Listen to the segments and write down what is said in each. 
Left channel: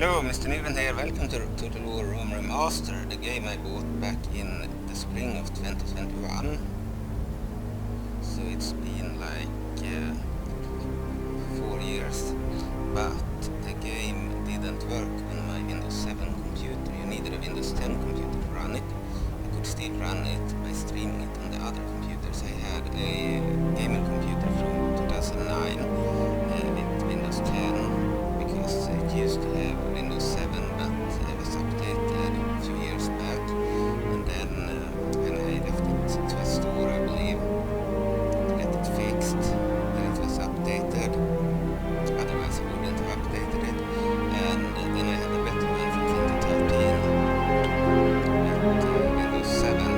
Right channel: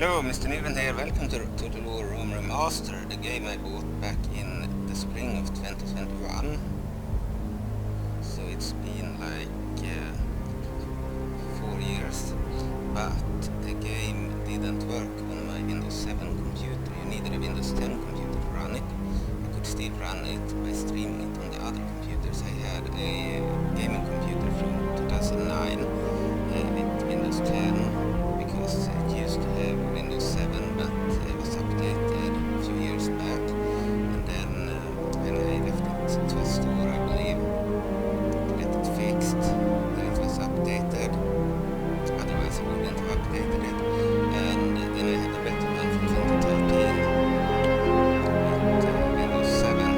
Hello, Mr. Niven here. Welcome to the Rome Remastered, the game I bought back in the spring of 2021. So it's been like 4 years, but the game didn't work on my Windows 7 computer. You needed a Windows 10 computer to run it. I could still run it by streaming it on the other computers. I had a gaming computer from 2009 with Windows 10. Because it used to have Windows 7, but it was updated a few years back, and then when I left it to a store, I believe, to get it fixed, then it was updated. Otherwise, I wouldn't have updated it. And then I had a better one from 2013 with Windows 7.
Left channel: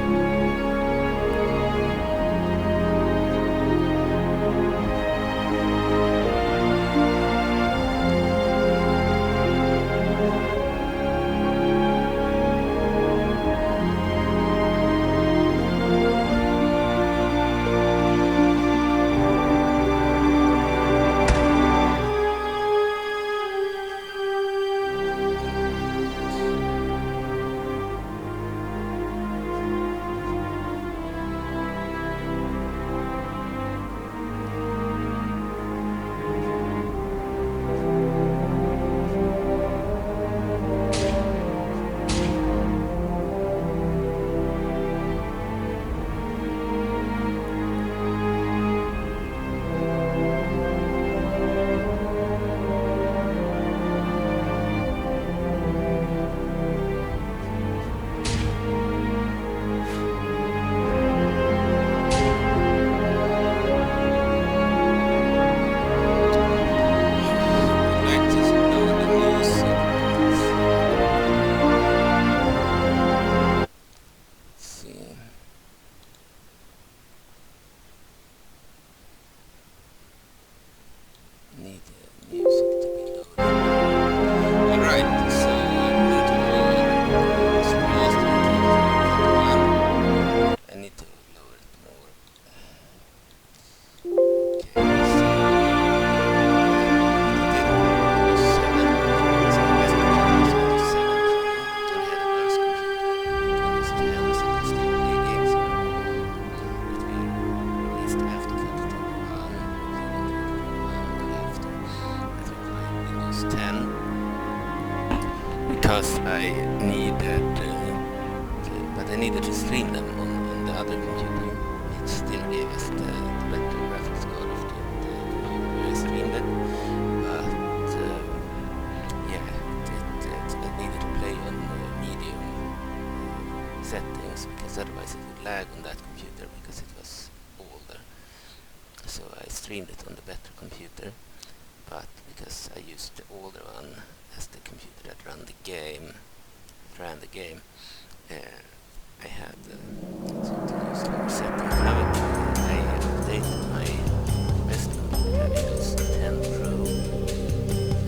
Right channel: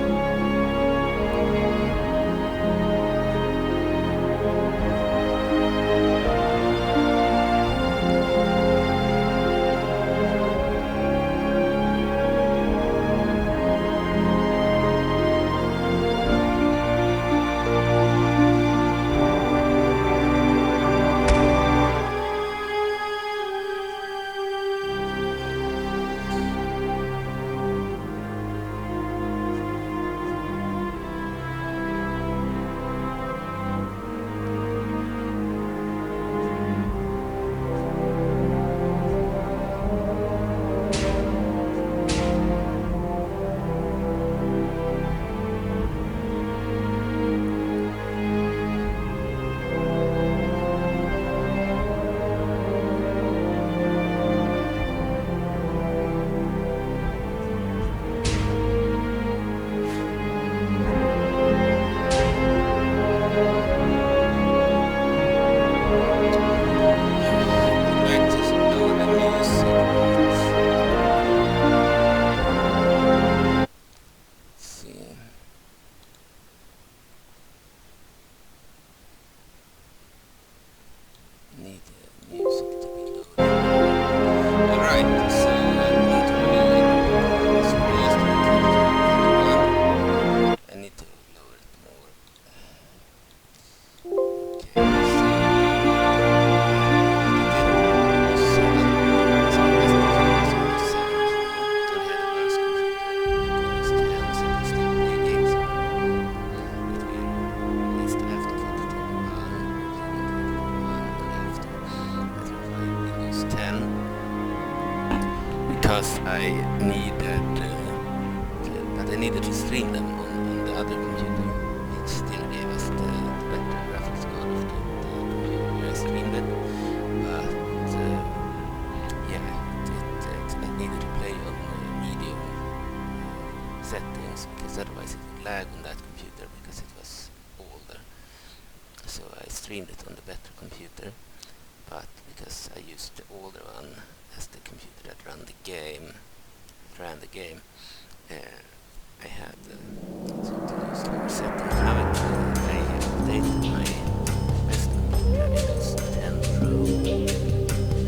Because I needed, but I needed to stream them on the other computer. It still gave us the better graphics card of the computer where I streamed it, but yeah, I needed to play on medium settings because otherwise it would lag on that computer because it was older. So I streamed it on the better computer, but because I used the older one as the computer that ran the game, I had to use lower settings. Now I updated my best computer, Windows 10 Pro,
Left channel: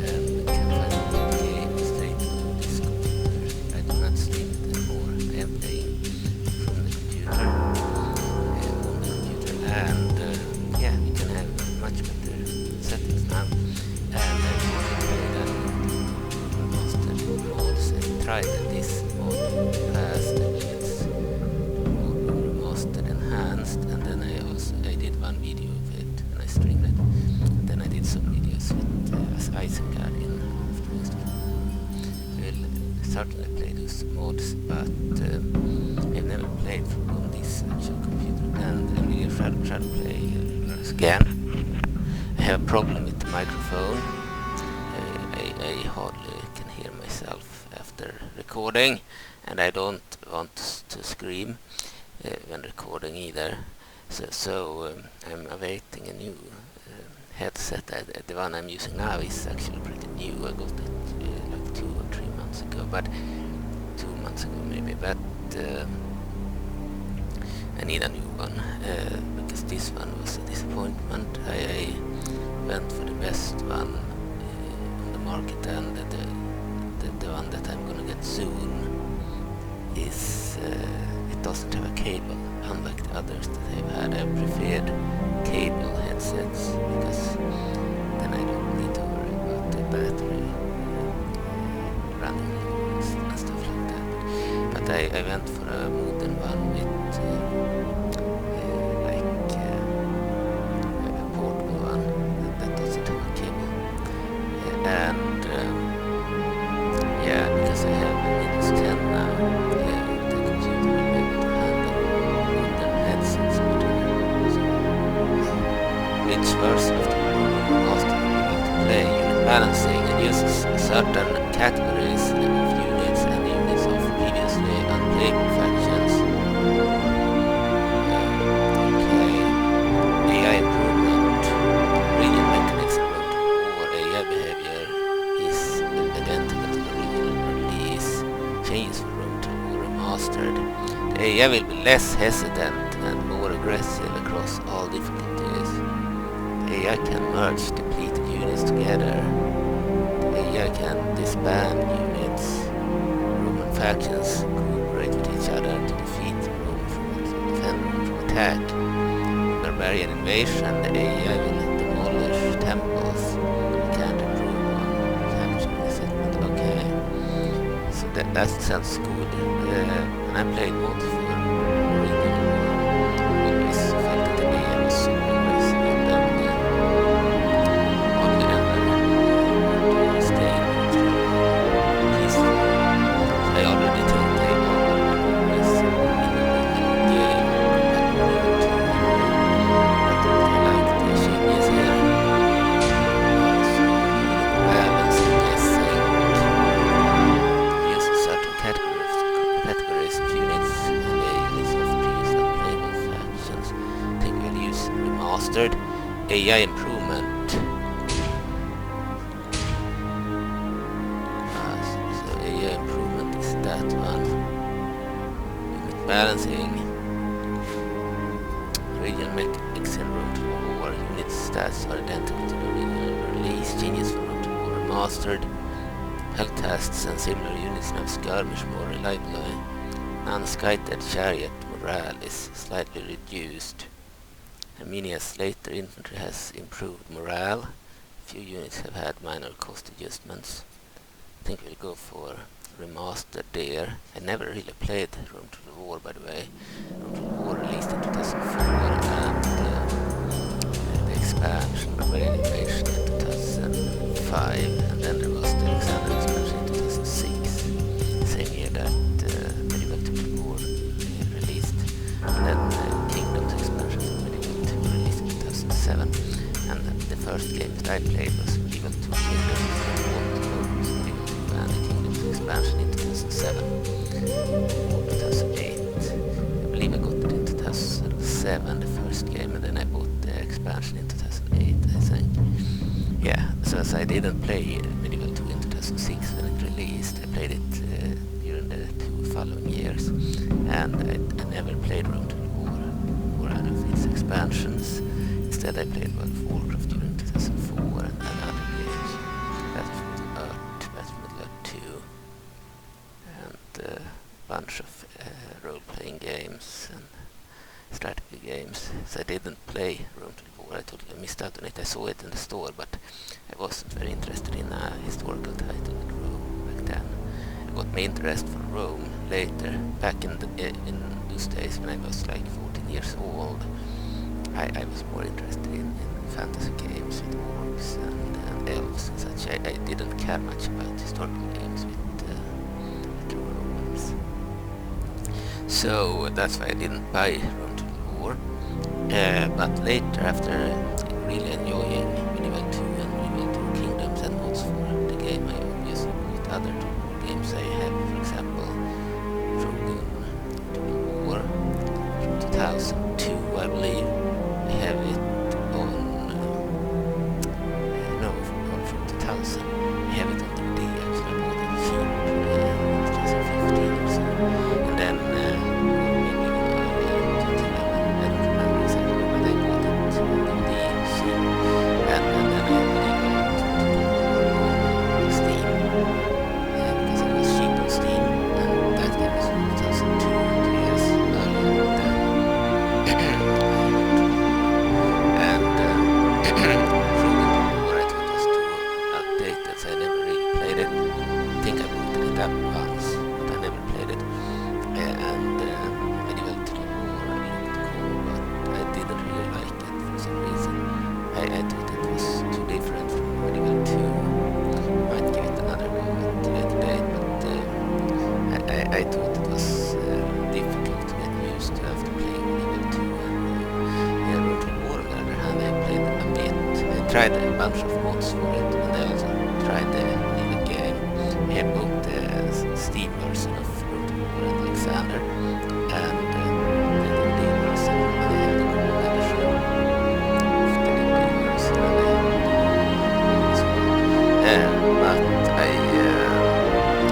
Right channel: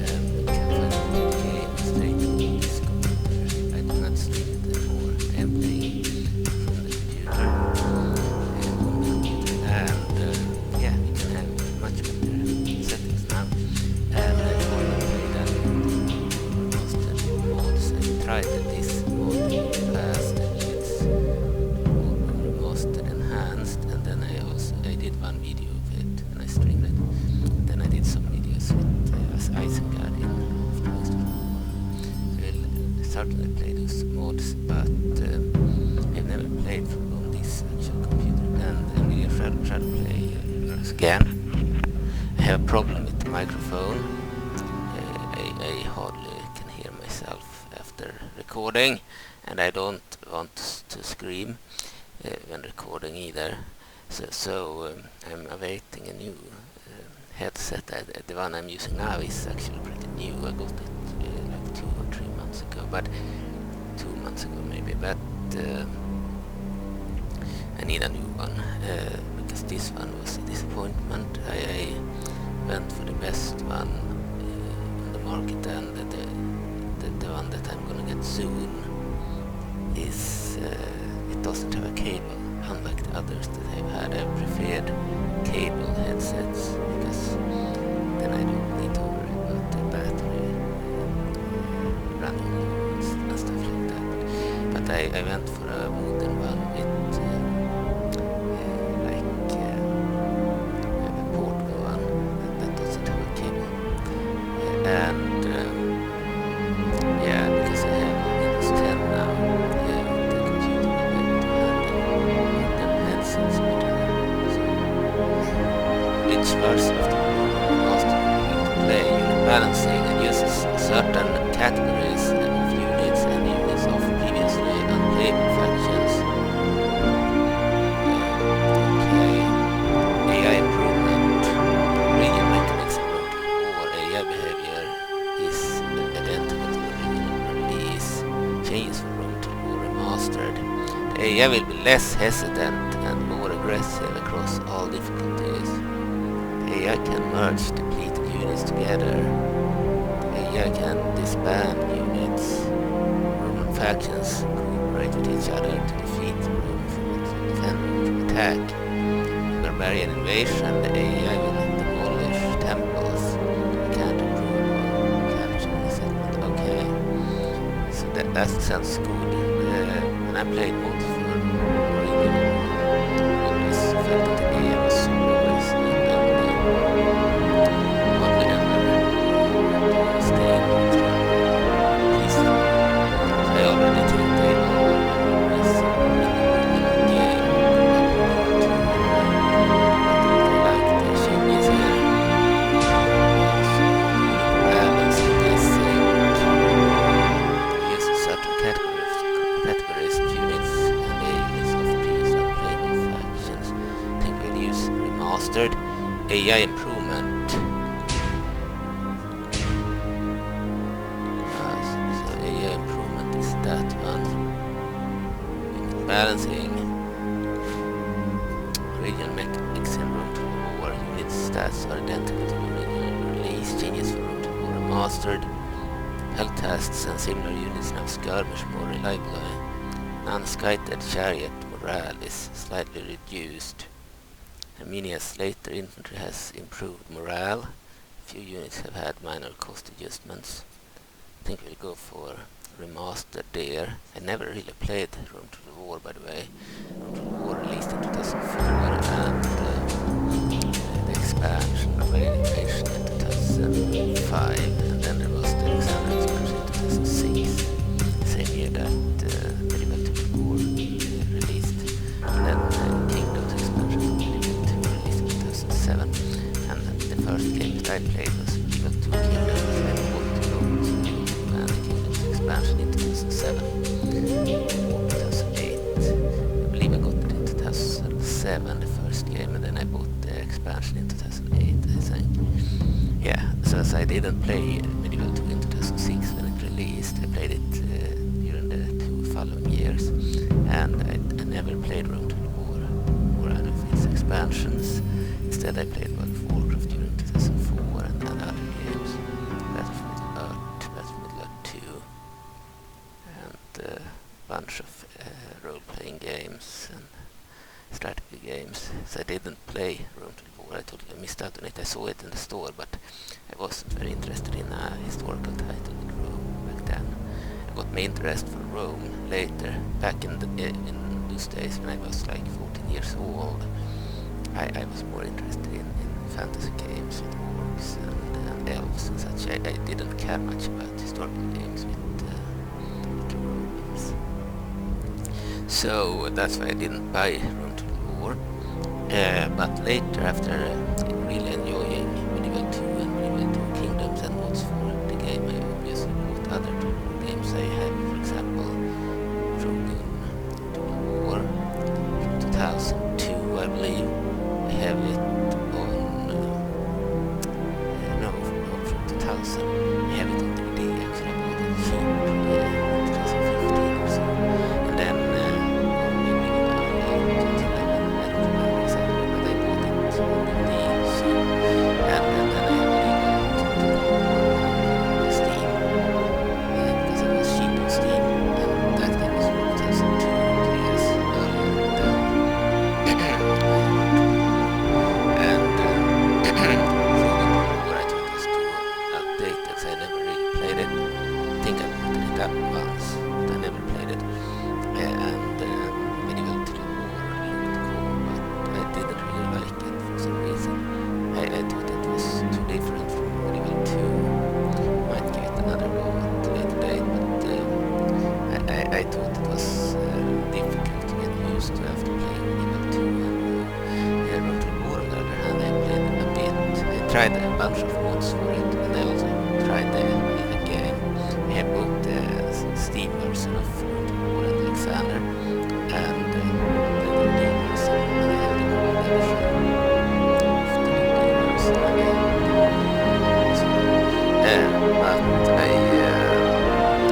and can play the game straight on this computer. I do not stream it anymore. I am playing from the computer, and yeah, we can have much better settings now. And I've already played I tried this mod in the past, it's Rome Remastered enhanced, and then I did one video of it and I streamed it, and then I did some videos with as Isengard in Afterwards. We'll certainly play those mods, but I've never played on this actual computer, and NVIDIA try to play again. I have a problem with the microphone. I hardly can hear myself after recording, and I don't want to scream when recording either. So I'm awaiting a new headset. The one I'm using now is actually pretty new. I got it like 2 or 3 months ago, but 2 months ago maybe. But I need a new one because this one was a disappointment. I went for the best one on the market, and the one that I'm gonna get soon is it doesn't have a cable, unlike the others that I've had. I've preferred cable headsets because then I don't need to worry about the battery randomly and stuff like that. But I went for a modern one with a portable one that doesn't have a cable. And yeah, because I have Windows 10 now, the computer will be able to handle modern headsets better. So, which version of the Rome Remastered would you like to play? Unit balancing uses certain categories of units and units of previously unplayable factions. Okay. AI improvement. Region mechanics and Rome or AI behavior is identical to the original release. Changes for Rome Remastered. The AI will be less hesitant and more aggressive across all difficulties. The AI can merge depleted units together. The AI can disband units. Roman factions cooperate with each other to defeat Rome to defend Rome from attack. In barbarian invasion, the AI will demolish temples. We can't improve on capturing a settlement. Okay, so that sounds good. When I played mods for original, I always felt that the AI was super aggressive and only ever stay neutral, peaceful. So I already think they all are aggressive in the original game compared to but I like the changes here. So unit balance, I think, use certain categories of units and the units of previous unplayable factions. I think we'll use remastered. AI improvement. So AI improvement is that one. Unit balancing. Regional mechanics and Rome to War. Unit stats are identical to the original release. Changes for Rome to War Remastered. Health tests and similar units now skirmish more reliably. Non-skited chariot morale is slightly reduced. Armenia's later infantry has improved morale. Few units have had minor cost adjustments. I think we'll go for remastered there. I never really played Rome to the War, by the way. Rome to the War released in 2004 and the expansion Barbarian Invasion in 2005, and then there was the Alexander expansion in 2006, same year that Medieval 2 War released, and then Kingdoms expansion for Medieval 2 released in 2007, and the first game that I played was Medieval 2 Kingdoms. I bought both Medieval 2 and the Kingdoms expansion in 2007 or 2008. I believe I got it in 2007, the first game, and then I bought the expansion in 2008, I think. Yeah, so as I didn't play Medieval 2 in 2006 when it released, I played it during the 2 following years, and I never played Rome to the War or any of its expansions. Instead I played World of Warcraft during 2004 and other games. Battle for Middle-earth, Battle for Middle-earth 2, and a bunch of role-playing games and strategy games. So I didn't play Rome to the War. I totally missed out on it. I saw it in the store, but I wasn't very interested in a historical title with Rome back then. I got my interest for Rome later, back in those days when I was like 14 years old. I was more interested in fantasy games with orcs and elves and such. I didn't care much about historical games with the Romans. So that's why I didn't buy Rome to the War. But later, after really enjoying Medieval 2 and Medieval 2 Kingdoms and mods for the game, I obviously bought other Total War games. I have, for example, Shogun Total War from 2002, I believe. I have it on from 2000. I have it on DVD. Actually, I bought it cheap in 2015 or so, and then or maybe even earlier, 2011. I don't remember exactly, but I bought it on DVD cheap, and then I have Medieval Total War on Steam because it was cheap on Steam, and that game is from 2002, 2 years earlier than and Shogun Total War I thought was too outdated, so I after playing Evil 2 and Rome to War. On the other hand, I played a bit. I tried a bunch of mods for it, and I also tried the little game. I have both the Steam version of Rome to War and Alexander, and the DVD version, and I have the gold edition of the DVD version, and I have the as well. But I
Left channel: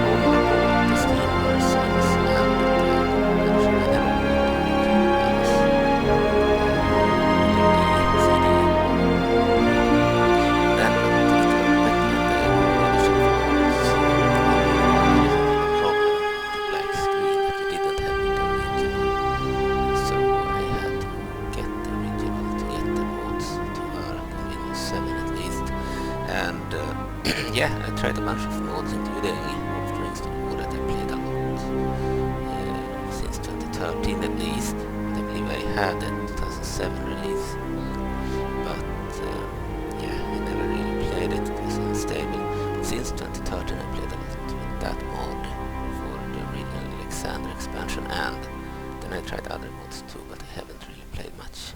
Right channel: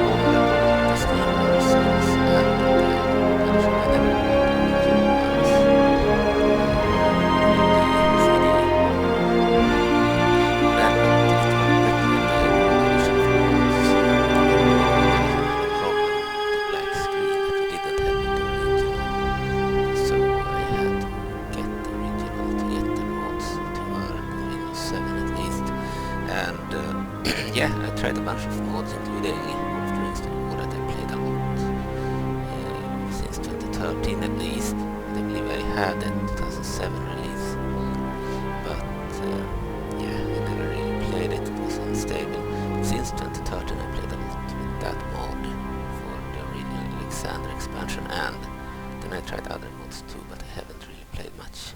only bought the Steam versions and the gold edition. I never bought the original ones. DVD, CD. Then it was better than the gold edition for once. The original edition had a problem, the black screen, that you didn't have with the original. So I had to get the original to get the mods to work on Windows 7 at least. And yeah, I tried a bunch of mods, including Lord of the Rings to the War that I played a lot since 2013 at least. But I believe I had a 2007 release. But yeah, I never really played it. It was unstable. But since 2013 I played a lot with that mod for the original Alexander expansion, and then I tried other mods too, but I haven't really played much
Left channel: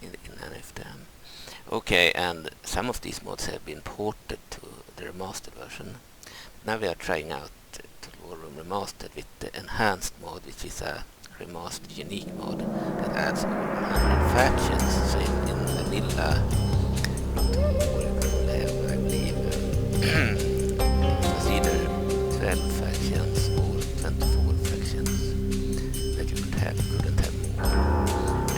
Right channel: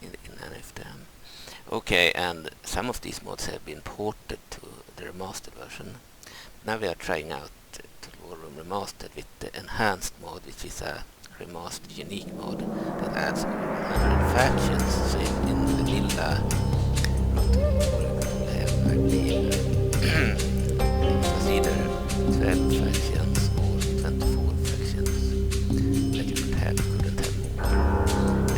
in any of them. Okay, and some of these mods have been ported to the remastered version. Now we are trying out Rome Remastered with the enhanced mod, which is a remastered unique mod that adds over 100 factions. So in the lilla you could have, I believe, it was either 12 factions or 24 factions that you couldn't have more.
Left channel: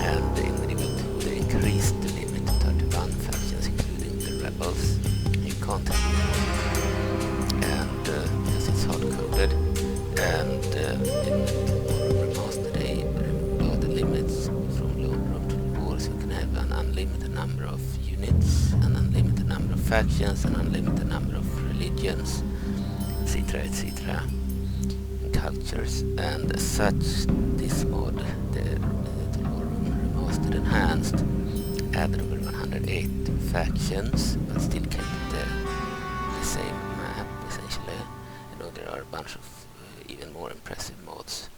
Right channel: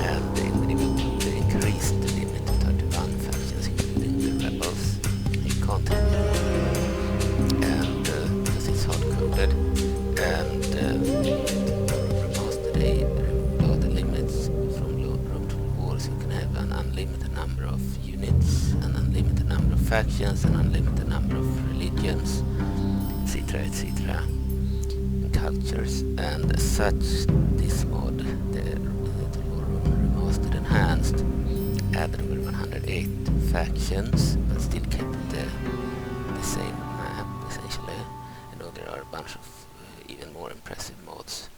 And in Medieval 2 they increased the limit to 31 factions, including the rebels. You can't have more, and because it's hard-coded, and in Rome Remastered they removed all the limits from Rome to the War, so you can have an unlimited number of units, an unlimited number of factions, an unlimited number of religions, etc., etc., and cultures. And as such, this mod, the Rome Remastered Enhanced, added over 108 factions, but still kept the same map essentially. I know there are a bunch of even more impressive mods.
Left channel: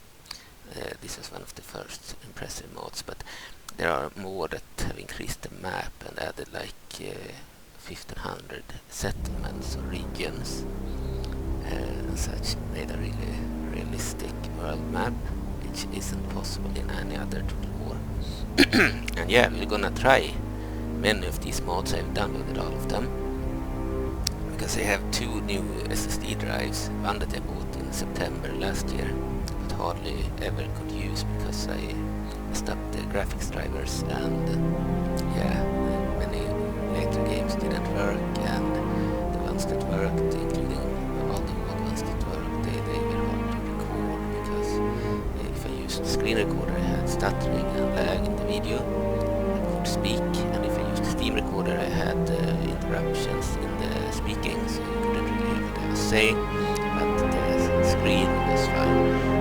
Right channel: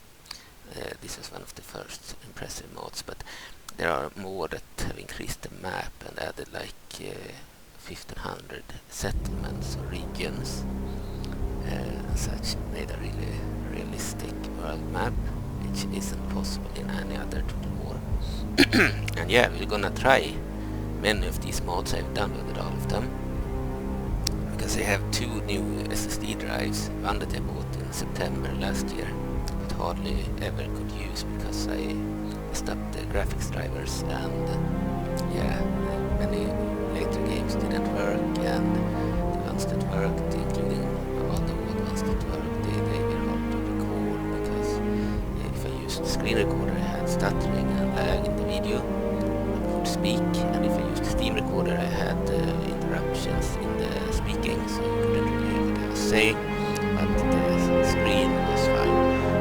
This was one of the first impressive mods, but there are more that have increased the map and added like 1500 settlements or regions and such, made a really realistic world map, which isn't possible in any other Total War. And yeah, we're gonna try many of these mods. I've downloaded all of them because I have two new SSD drives, one that I bought in September last year but hardly ever could use because I messed up the graphics drivers, and yeah, many later games didn't work, and the ones that worked, including all the old ones that worked, they were hard to record because if I used screen recorder I had stuttering and lag in the video. I could speak, and if I used Steam recorder I had interruptions in the speaking, so you couldn't really hear what I was saying, but the screen was fine.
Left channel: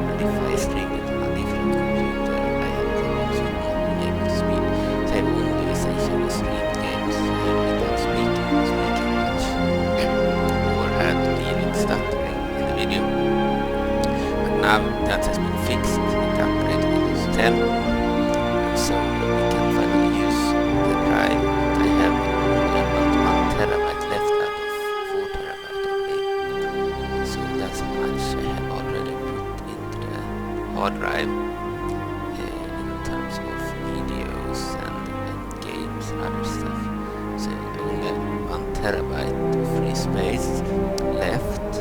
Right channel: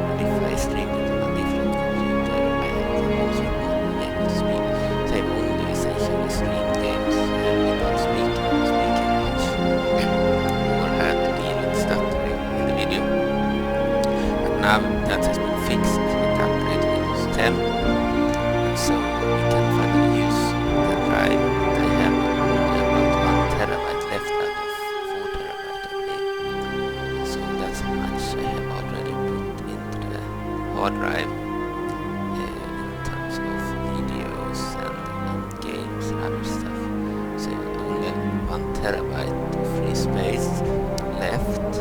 And if I streamed it on a different computer I had problems with not being able to speak, so I've only essentially streamed games without speaking much, or had to deal with stuttering in the video. But now that has been fixed, it upgraded to Windows 10, and so we can finally use the drive that I have only about 1 terabyte left out of 4 terabyte I believe. So that's how much I have already put into the hard drive in terms of videos and games and other stuff. So only 1 terabyte of free space left.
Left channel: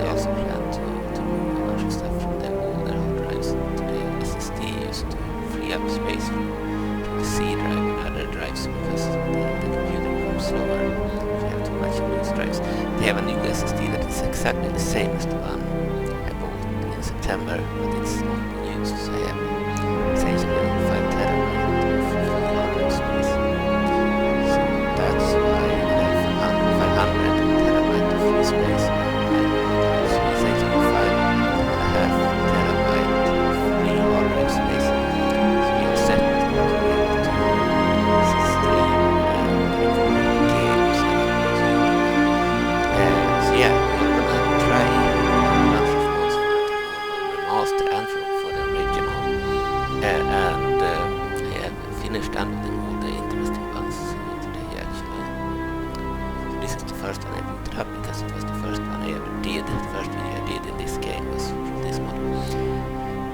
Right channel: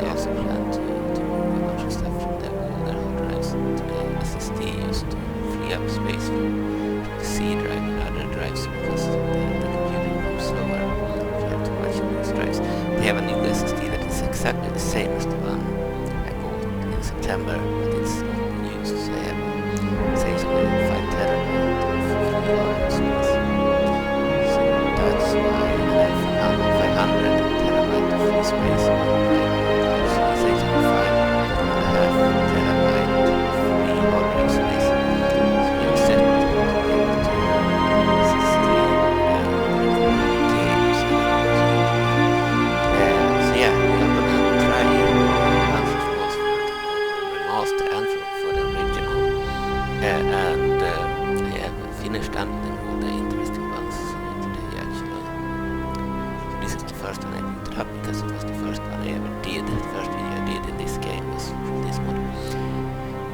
I also plan to move a bunch of stuff from the older hard drives to the SSD used to free up space for the C drive and other drives, because the computer becomes slower if you have too much of those drives. They have a new SSD that is exactly the same as the one I bought in September, but it's not been used, so I have essentially 5 terabyte of free hard drive space. So that's why I have 500 terabyte of free space on my drive, so essentially 5.5 terabyte of free hard drive space. So we are set to be able to stream record games and YouTube. So yeah, we're gonna try a bunch of mods for Remastered and for and I have finished downloading all the interesting ones today actually. So this is the first one I booted up because it was the first one I ever did. The first video I did in this game was from this mod.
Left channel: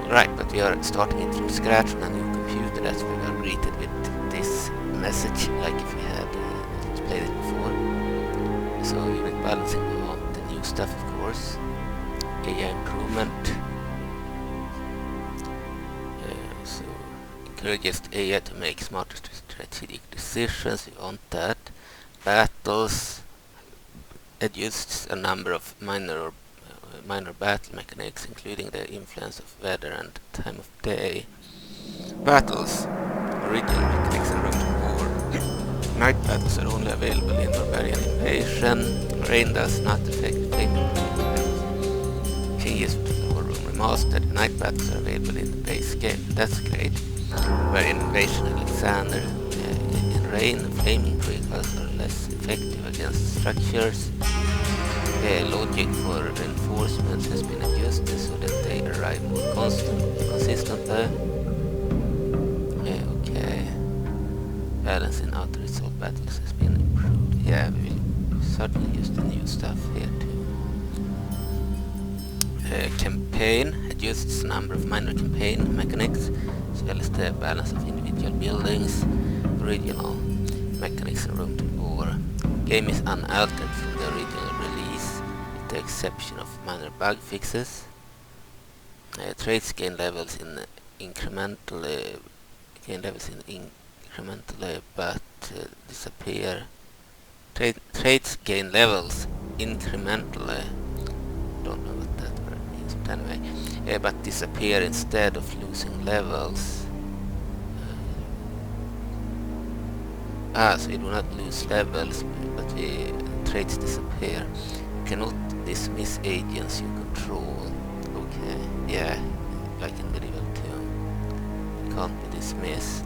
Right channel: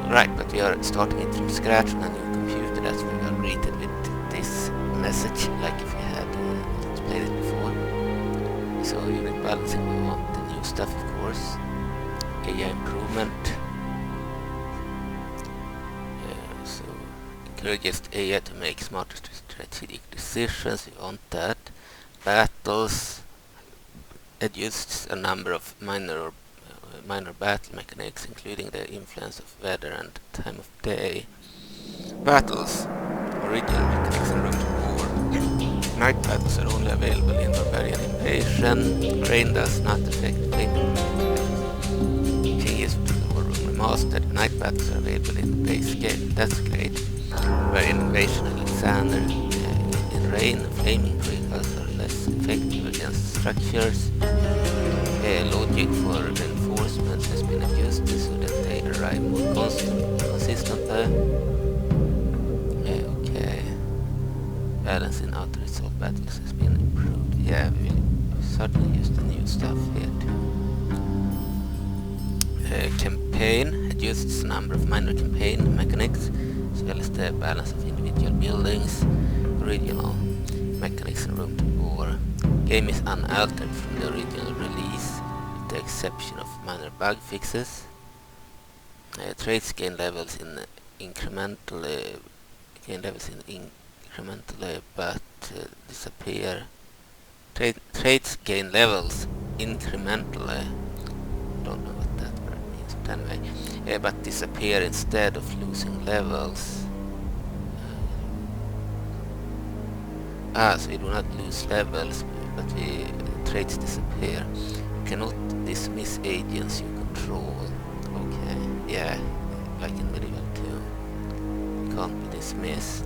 Alright, but we are starting it from scratch on a new computer. That's why we are greeted with this message, like if we had not played it before. So unit balancing, we want the new stuff of course. AI improvement. So encourages AI to make smarter strategic decisions, we want that. Battles adjusts a number of minor battle mechanics, including the influence of weather and time of day. Battles, original mechanics in Rome War. Night battles are only available in Barbarian Invasion. Rain does not affect flaming changes to the Rome Remastered. Night battles are available in the base game. That's great. Barbarian Invasion Alexander. In rain, flaming vehicles are less effective against structures. Logic for reinforcements has been adjusted so that they arrive more consistently. Okay. Balance in auto-resolve battles has been improved. Yeah, we will certainly use the new stuff here too. Campaign adjusts number of minor campaign mechanics as well as the balance of individual buildings. Original mechanics in Rome War. Game is unaltered from the original release, with the exception of minor bug fixes. Traits gain levels incrementally, but disappear. Traits gain levels incrementally. Don't know what that word means, but anyway, but disappear instead of losing levels. So we do not lose levels, but traits disappear. You cannot dismiss agents you control. Okay, yeah, like in Medieval 2. You can't be dismissed,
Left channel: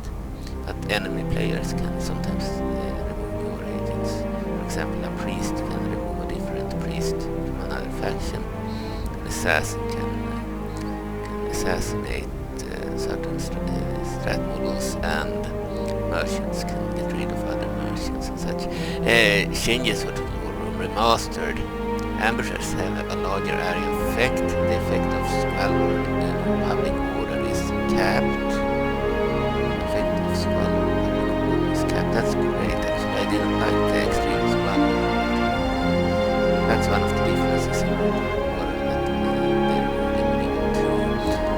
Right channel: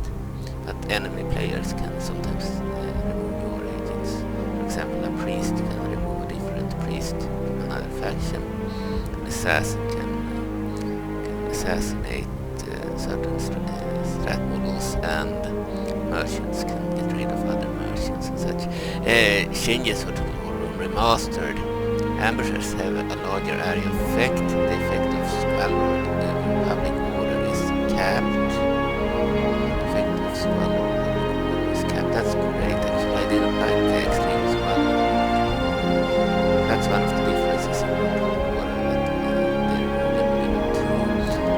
but enemy players can sometimes remove your agents. For example, a priest can remove a different priest from another faction. An assassin can assassinate certain strat models, and merchants can get rid of other merchants and such. Changes for Rome Remastered. Ambushers have a larger area of effect. The effect of squalor public order is capped. The effect of squalor public order is capped. That's great actually. I didn't like the extreme squalor. That's one of the differences in Rome War that they removed in Medieval 2.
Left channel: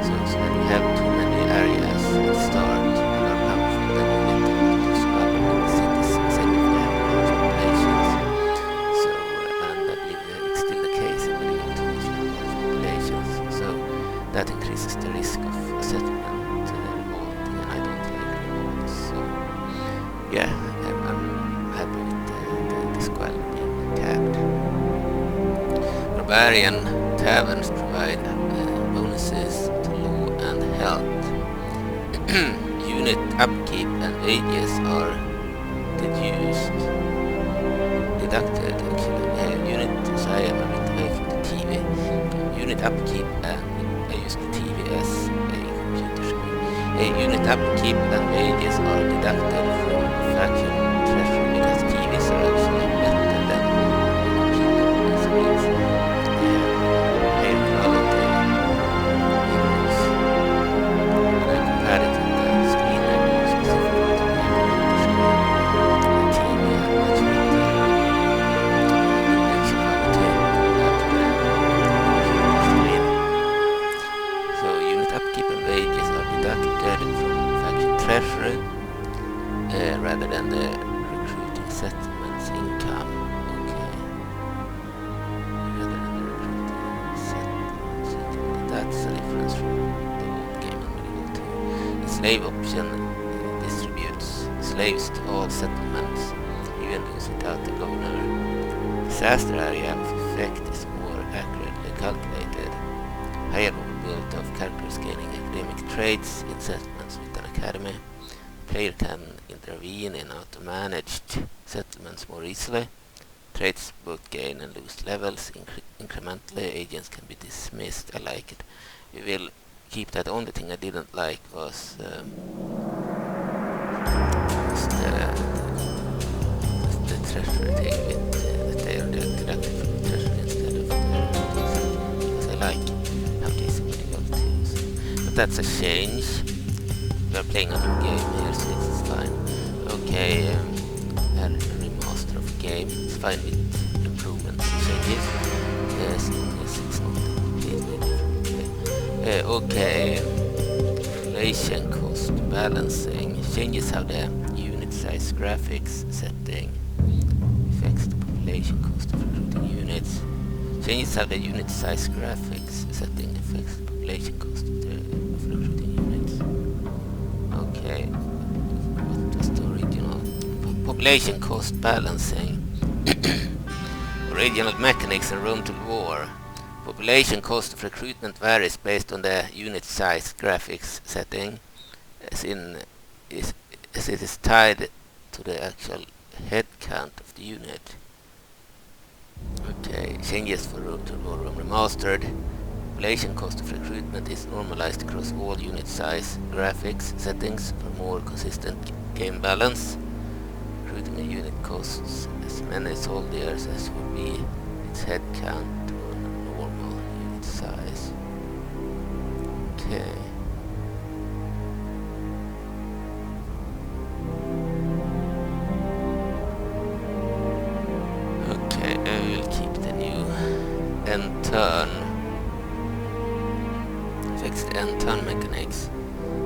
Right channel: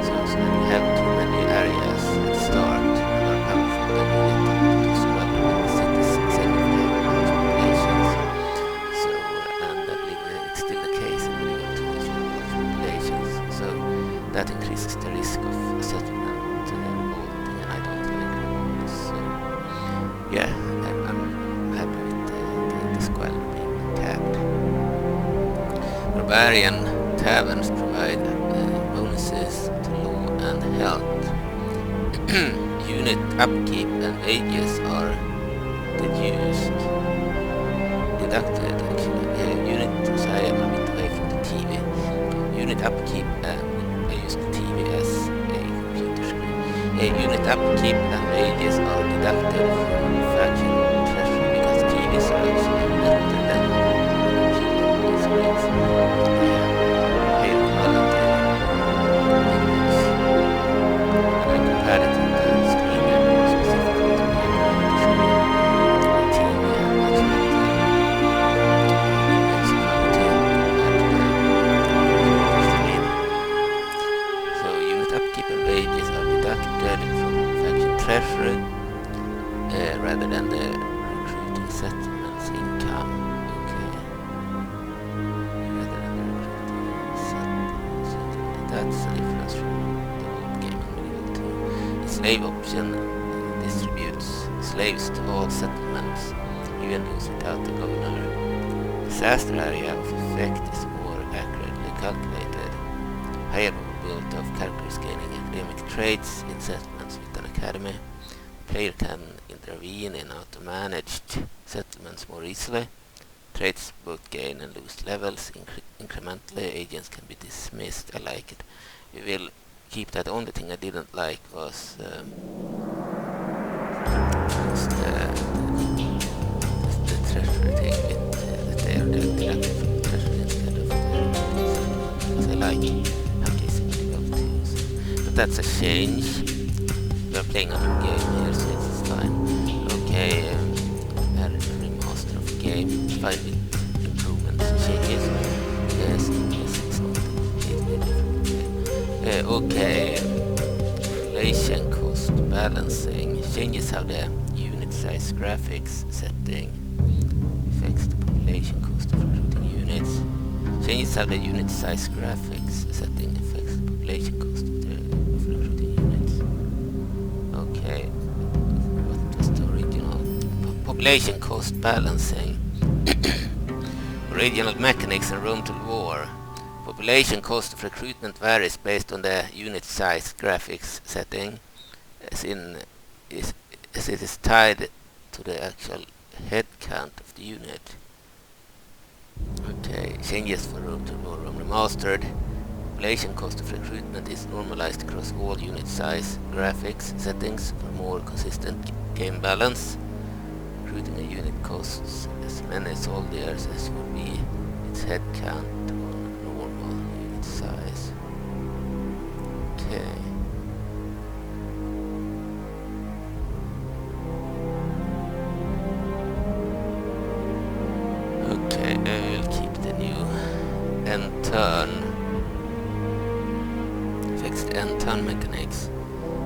So when you have too many areas at the start and are powerful, then you get a lot of squalor in the cities, same if you have large populations. So, and I believe it's still the case in Medieval 2 if you have large populations. So that increases the risk of a settlement revolting, and I don't like revolts. So yeah, I'm happy with the squalor being capped. Barbarian taverns provide bonuses to law and health. Unit upkeep and wages are deducted actually. So I am a bit away from the TV. Unit upkeep and I use the TV as a computer screen. Unit upkeep and wages are deducted from faction treasury because TVs are actually better than computer screens. They have higher quality images. And I compared it with the screen I bought specifically to be a computer screen. The TV had much better image quality compared to the computer screen. So unit upkeep and wages are deducted from faction treasury rather than the recruiting settlements income. Okay. Rather than the recruiting settlements income. That's the difference from the old game in Medieval 2. The slave option distributes slaves to all settlements, even those without a governor. Disaster area of effect is more accurately calculated. Higher probability of characters gaining academic traits in settlements with an academy. Player can intervene in auto-managed settlements more easily. Traits both gain and lose levels incrementally. Agents can be dismissed. I like it. We will keep that. The only thing I didn't like was the treasure thing with that they are deducted from the treasure instead of the because I like how this is difficulty. But that's a change. We are playing a new game here, so it's fine. Okay, a remaster of the game. It's fine with improvements and changes. Yes, it's not completely different game. Okay, population cost balancing changes how the unit size graphics setting affects the population cost of recruiting units. Changes how the unit size graphics setting affects the population cost of recruiting units. Okay, what was the original? Population cost balancing. Original mechanics in Rome Total War. Population cost of recruitment varies based on the unit size graphics setting, as it is tied to the actual head count of the unit. Okay, changes for Rome Remastered. Population cost of recruitment is normalized across all unit size graphics settings for more consistent game balance. Recruiting a unit costs as many soldiers as would be its head count on normal unit size. Okay. Okay, I will keep the new end turn. Fix the end turn mechanics.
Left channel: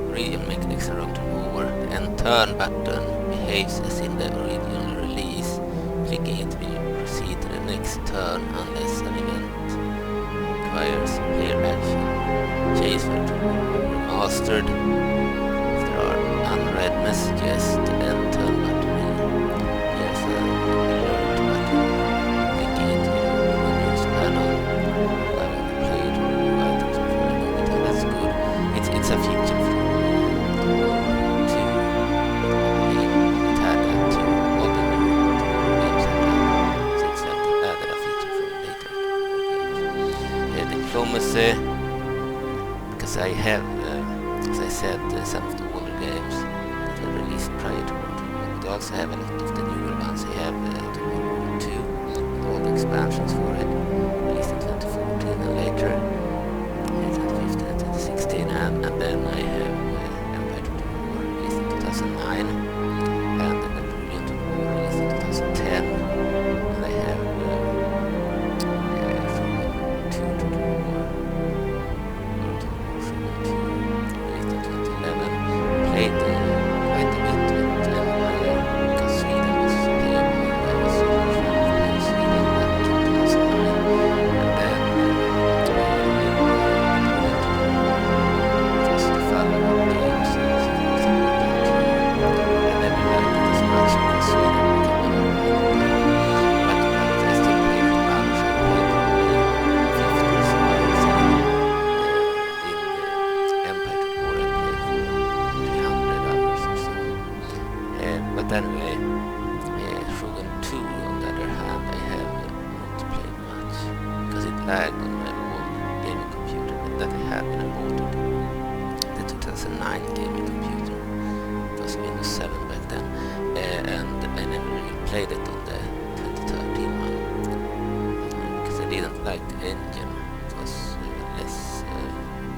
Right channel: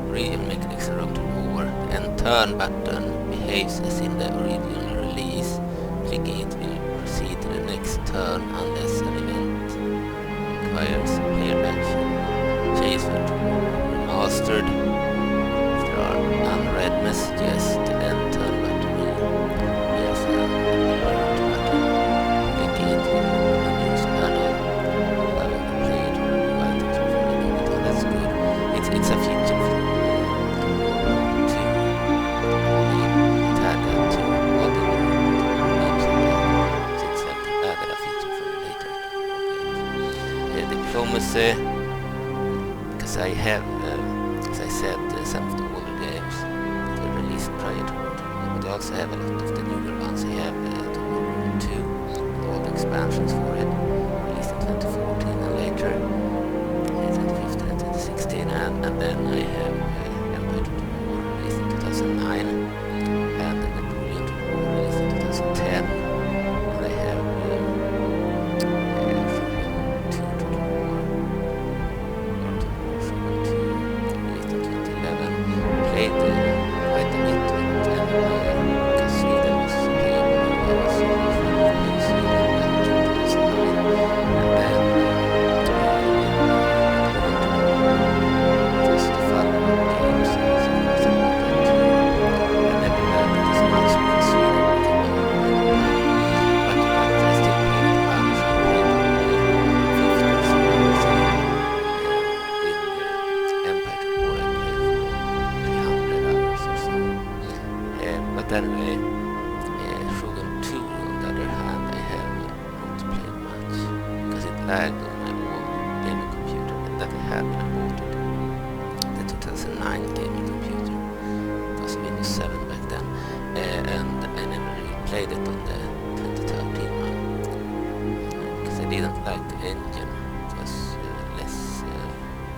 Original mechanics in Rome Total War. The end turn button behaves as in the original release. Clicking it will proceed to the next turn unless an event requires player action. Changes for Remastered. If there are unread messages, the end turn button will appear as an alert button. Clicking it will open a news panel, allowing the player to review items before ending the turn. That's good. It's a feature from Rome 2. It had that too. All the new games had that. So it's like they added a feature from later games. Diplomacy. Because I have, as I said, some of the older games that were released prior to World War, but I also have a lot of the newer ones. I have the World War 2 and all the expansions for it, released in 2014 and later, 2015 and 2016, and then I have Empire Total War released in 2009, and the Napoleon Total War released in 2010, and I have Rome 2 Total War. Played quite a bit with Empire because Sweden was playable and I was a huge fan of playing Sweden back in 2009, and then it was the follow-up games, so I bought that too. I never liked it as much because Sweden became a but I still played it a bunch. I played 50 or so hours in Empire Total War. I played for 300 hours or so. But anyway, Shogun 2 on the other hand I have not played much because it lagged on my old gaming computer that I had when I bought it. The 2009 gaming computer. It was Windows 7 back then, and I never really played it on the 2013 one because I didn't like the engine. It was less.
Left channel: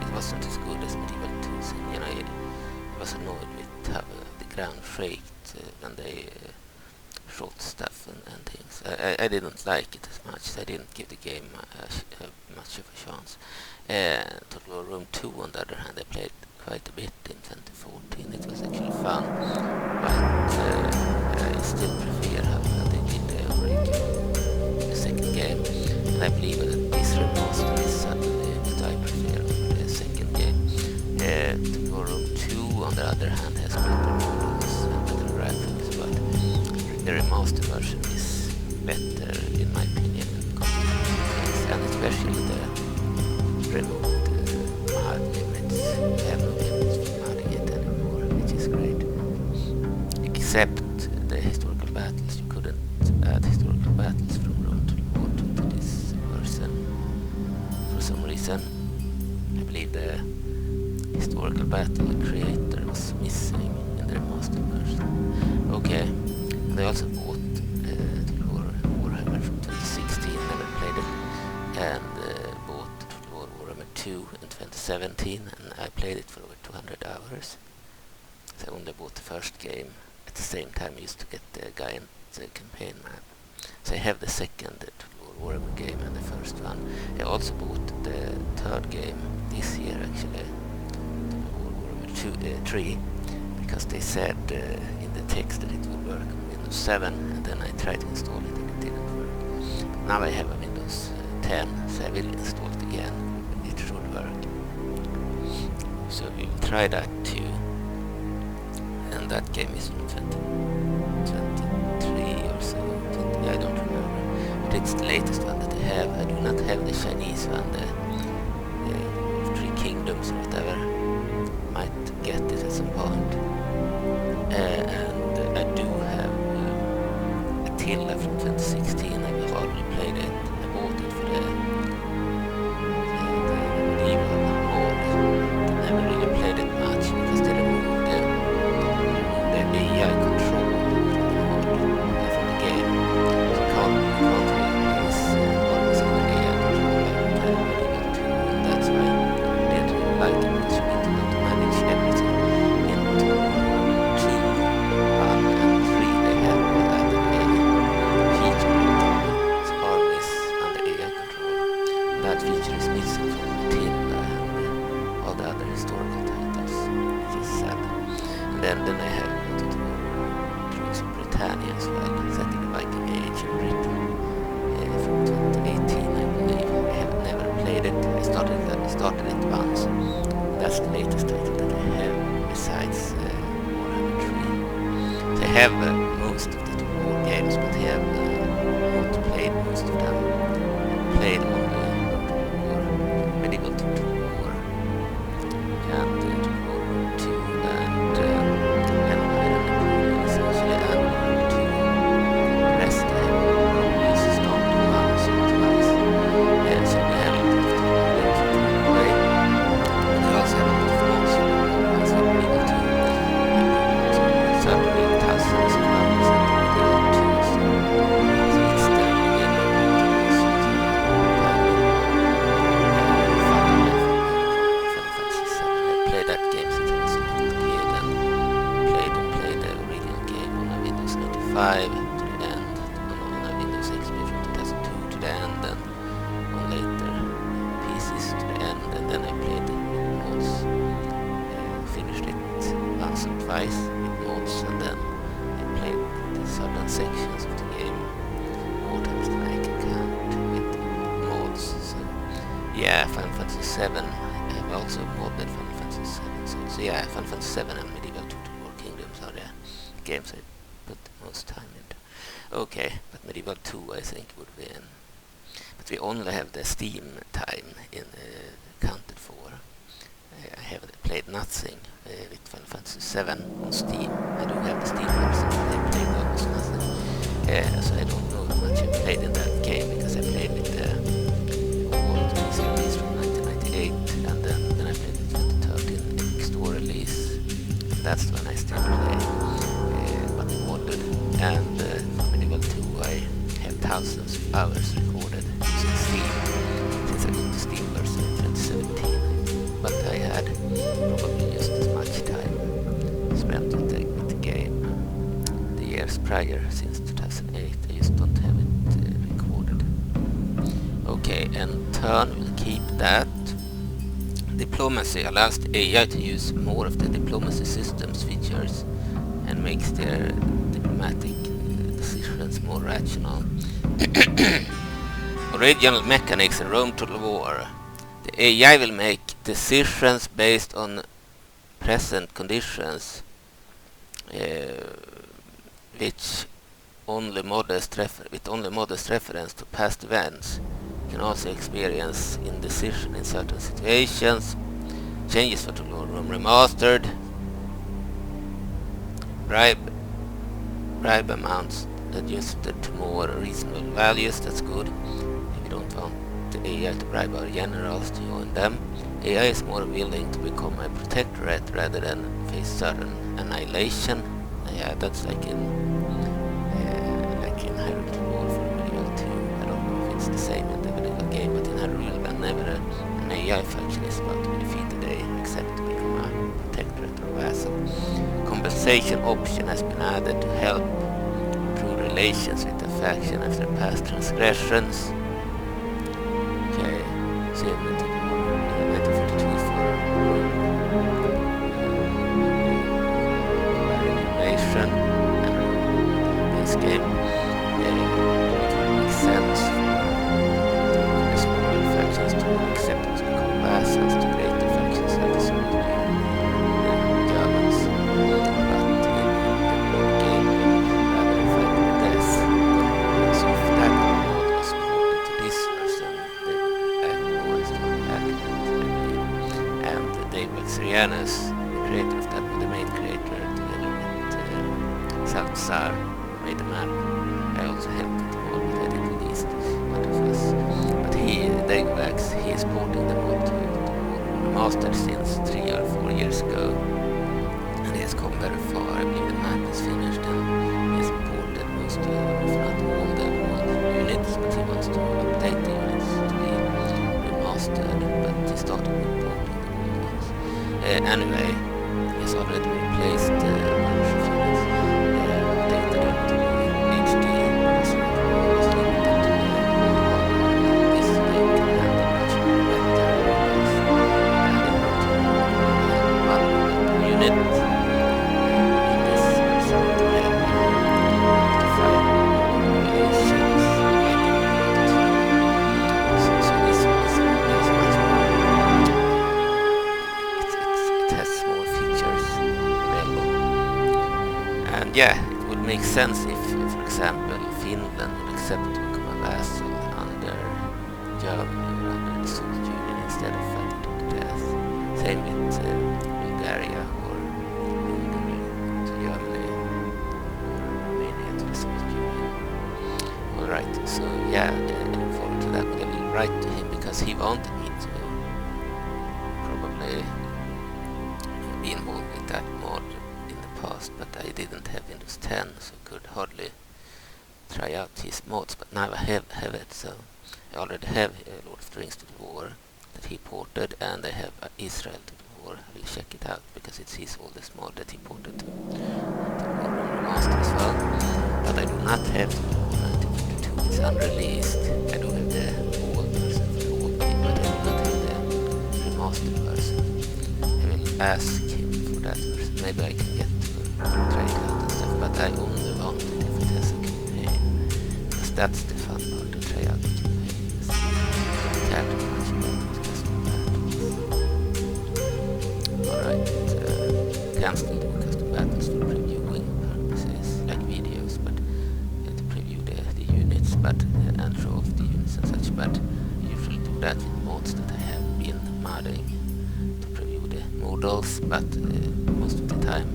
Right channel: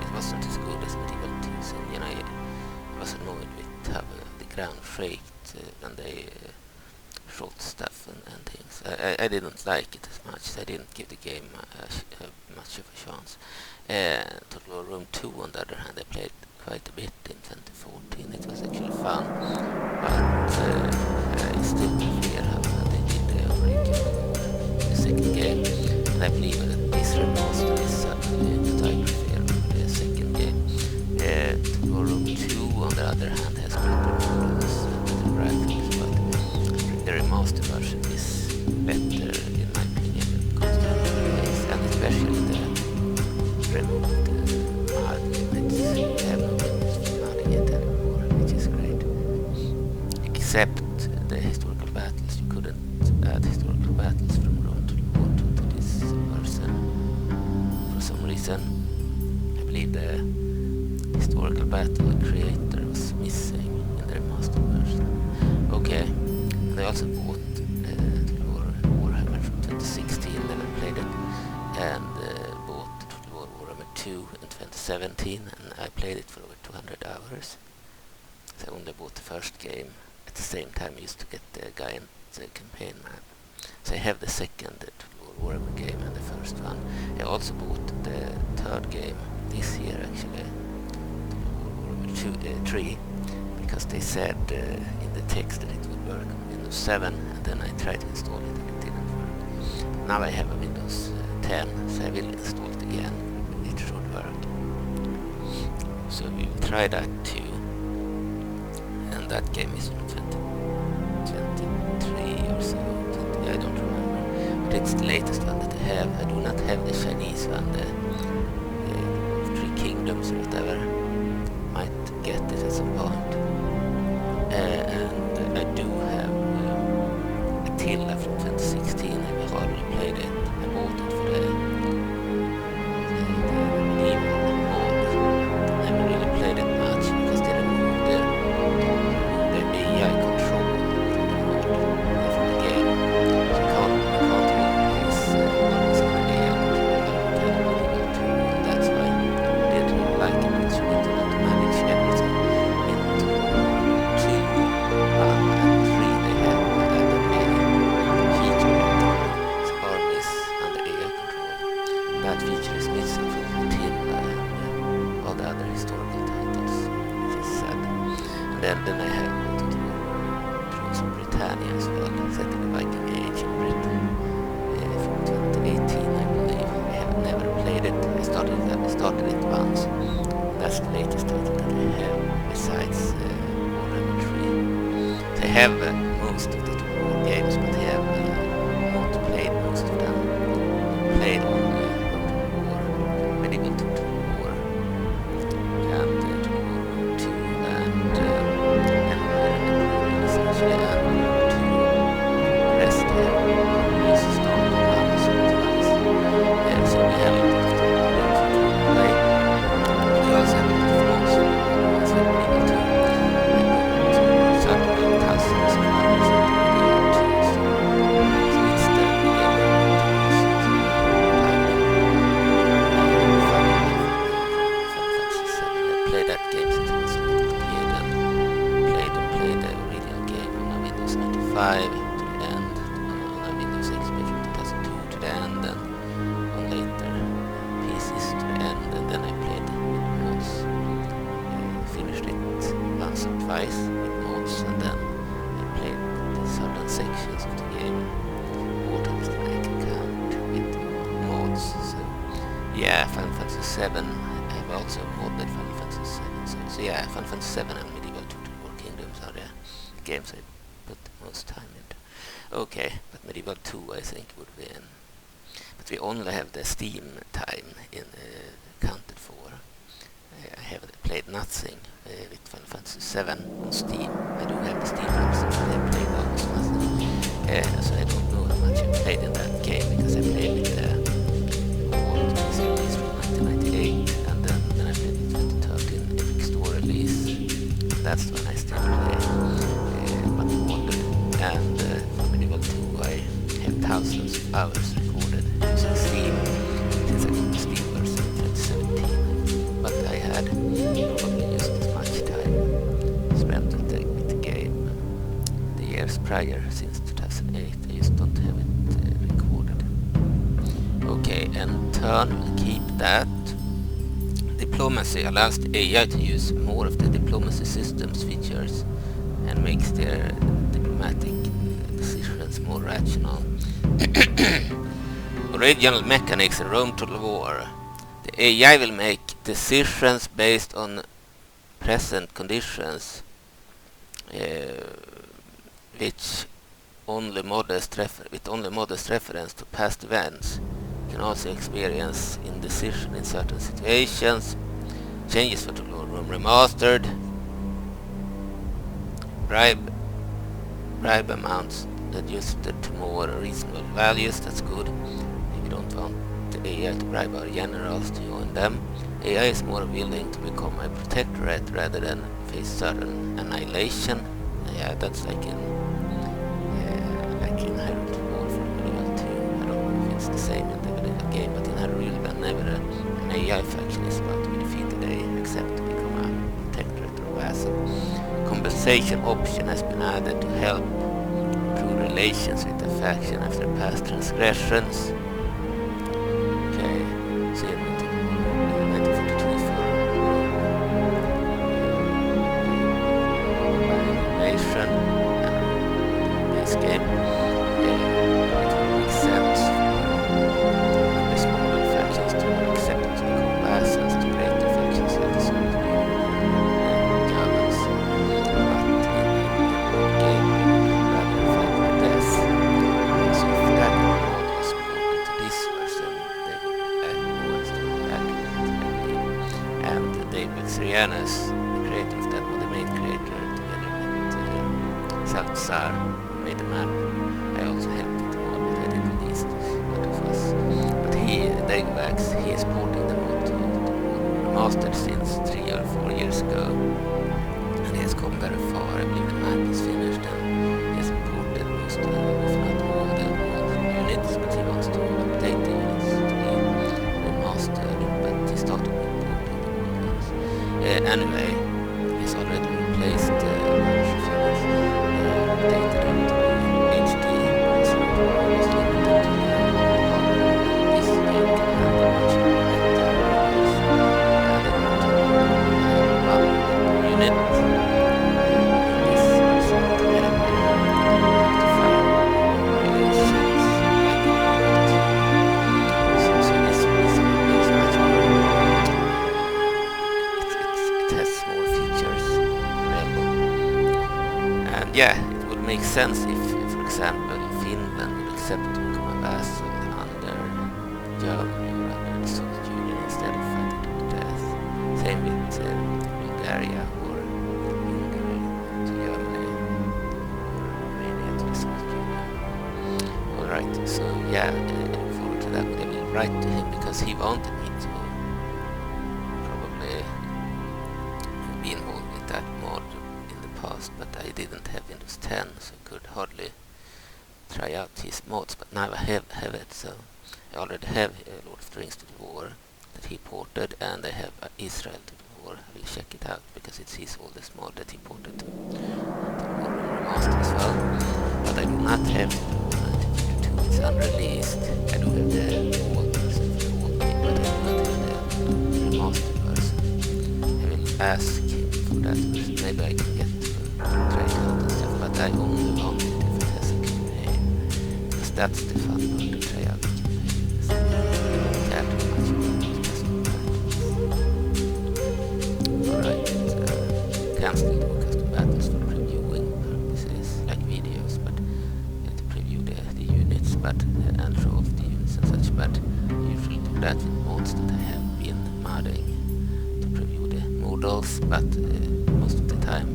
It wasn't as good as Medieval 2's engine. I was annoyed with how the ground shaked when they shot stuff and things. I didn't like it as much, so I didn't give the game much of a chance. Total War Rome 2 on the other hand I played quite a bit in 2014. It was actually fun, but I still prefer how they did the second game, and I believe that this remaster is certainly that I prefer over the second game. Total War Rome 2 on the other hand has better models and better graphics, but the remastered version is better in my opinion when it comes to games, and especially the remote mod limits. I have no limits for modding it anymore, which is great. Except the historical battles. You couldn't add historical battles from Rome to War to this version for some reason. I believe the historical battle creator was missing in the remastered version. Okay, and I also bought Warhammer from 2016, never played it, and bought Warhammer 2 in 2017, and I played it for over 200 hours. So I only bought the first game. At the same time I used to get the Giant campaign map. So I have the second Warhammer game and the first one. I also bought the third game this year actually, Warhammer 3, because they said in the text that it would work on Windows 7, and then I tried to install it and it didn't work. But now I have a Windows 10, so I will install it again. It should work. So we will try that too. And that game is from 2023 or so. I don't remember. But it's the latest one that I have. I do not have the Chinese one, the Three Kingdoms or whatever. Might get it at some point. And I do have Attila from 2016. I've hardly played it. I bought it for the medieval mode. I never really played it much because they removed the AI control from the game. So you can't use always on the AI control like you can in Medieval 2, and that's why I didn't really like it, because you need to not manage everything. Into Warhammer 2, 1 and 3 they have added a feature with armies under AI control. That feature is missing from Attila and all the other historical titles, which is sad. And then I have Britannia as well, set in the Viking Age in Britain from 2018, I believe. I have never played it. I started it once. That's the latest title that I have besides Warhammer 3. So I have most of the war games, but I have not played most of them. I played only War, Medieval Total War, and Total War 2, and Empire and Napoleon essentially, and rest I have probably started once or twice. So we have a lot of games to play. We also have a lot of mods to organize with Medieval 2. I put certainly thousands of hours into Medieval 2, so it's the beginning of the time in Final Fantasy 7. I played that game since I was a little kid, and played the original game on a Windows 95 to the end, on a Windows XP from 2002 to the end, and on later PCs to the end, and then I played it with mods. Finished it once or twice with mods, and then I played the certain sections of the game more times than I can count with mods. So yeah, Final Fantasy 7. I have also modded Final Fantasy 7. So yeah, Final Fantasy 7 and Medieval Total War Kingdoms are the games I put the most time into. Okay, but Medieval 2 I think would be in. But we only have the Steam time in counted for. I haven't played nothing with Final Fantasy 7 on Steam. I do have the Steam version, but I played almost nothing. So I don't know how much I played in that game, because I played with the old PC release from 1998, and then I played with 2013 Epic Store release. That's the one I still play, but modded. And for Medieval 2 I have thousands of hours recorded using Steam, since I got the Steam version in 2017. But I had probably just as much time spent with the game the years prior, since 2008. I just don't have it recorded. Okay, and turn will keep that. Diplomacy allows the AI to use more of the diplomacy system's features and makes their diplomatic decisions more rational. Original mechanics in Rome Total War. The AI will make decisions based on present conditions, with only modest reference to past events. You can also experience indecision in certain situations. Changes for Total War Rome Remastered. Bribe amounts adjusted to more reasonable values. That's good. If you don't want the AI to bribe our generals to join them. AI is more willing to become a protectorate rather than face certain annihilation. Yeah, that's like in Hyrule Warfare Medieval 2. I don't know if it's the same in the medieval game, but in Hyrule, whenever an AI faction is about to be defeated, they accept to become a protectorate or vassal. Compensation option has been added to help improve relations with the faction after past transgressions. Okay, so in 1942 for Rome invasion and this game, it would make sense for the smaller factions to accept to become vassals to greater factions like the Soviet Union and Germans, but in the old game we would rather fight to the death. So if that mod was ported to this version, they would add more story accurate, I believe. And Dave Xerianus, the creator of that mod, the main creator, together with Salazar, made the map. I also helped it mod, but I didn't least what of us. But Dave is porting the mod to Rome Remastered since 3 or 4 years ago, and he has come very far. I believe the map is finished and he has ported most, if not all, the old units, but he wants to update the units to be remastered, but he started with porting the old ones. Anyway, he's already replaced a bunch of units, updated them to be HD, because the was limited to the hardware, and this game can handle much better models, and they want to have one per unit. In this version to have up to 5 variations like in Unity 2. So this is much more, it has more features available. And yeah, it would make sense if, for example, Finland would accept to become a vassal under Germany or under the Soviet Union instead of fighting to the death. Same with Bulgaria or Hungary to Germany or Romania to the Soviet Union. Alright, so yeah, I look forward to that, but I will write to him because he wanted me to probably be involved with that mod in the past, but I didn't have Windows 10, so I could hardly try out his mods, but now I have it, so I already have Lord of the Rings to the War that he ported, and I have Israel to the War. I will check it out because it's his oldest mod that he ported to Rome Remastered as well, but I do not have the War 1942, it's unreleased. I do have the old version for the old game, but I do not have the remastered version. I will ask him for that version, maybe I can get to try it out and stuff, but I only want it if it has a campaign, because that's the fun part, to try out the campaign. I don't care too much about the custom battles. Alright, can still do custom battles for previewing purposes, like videos, but to preview the units, but and show off the units and such, but I usually do that with mods that I have been modding to preview the models, but most of the time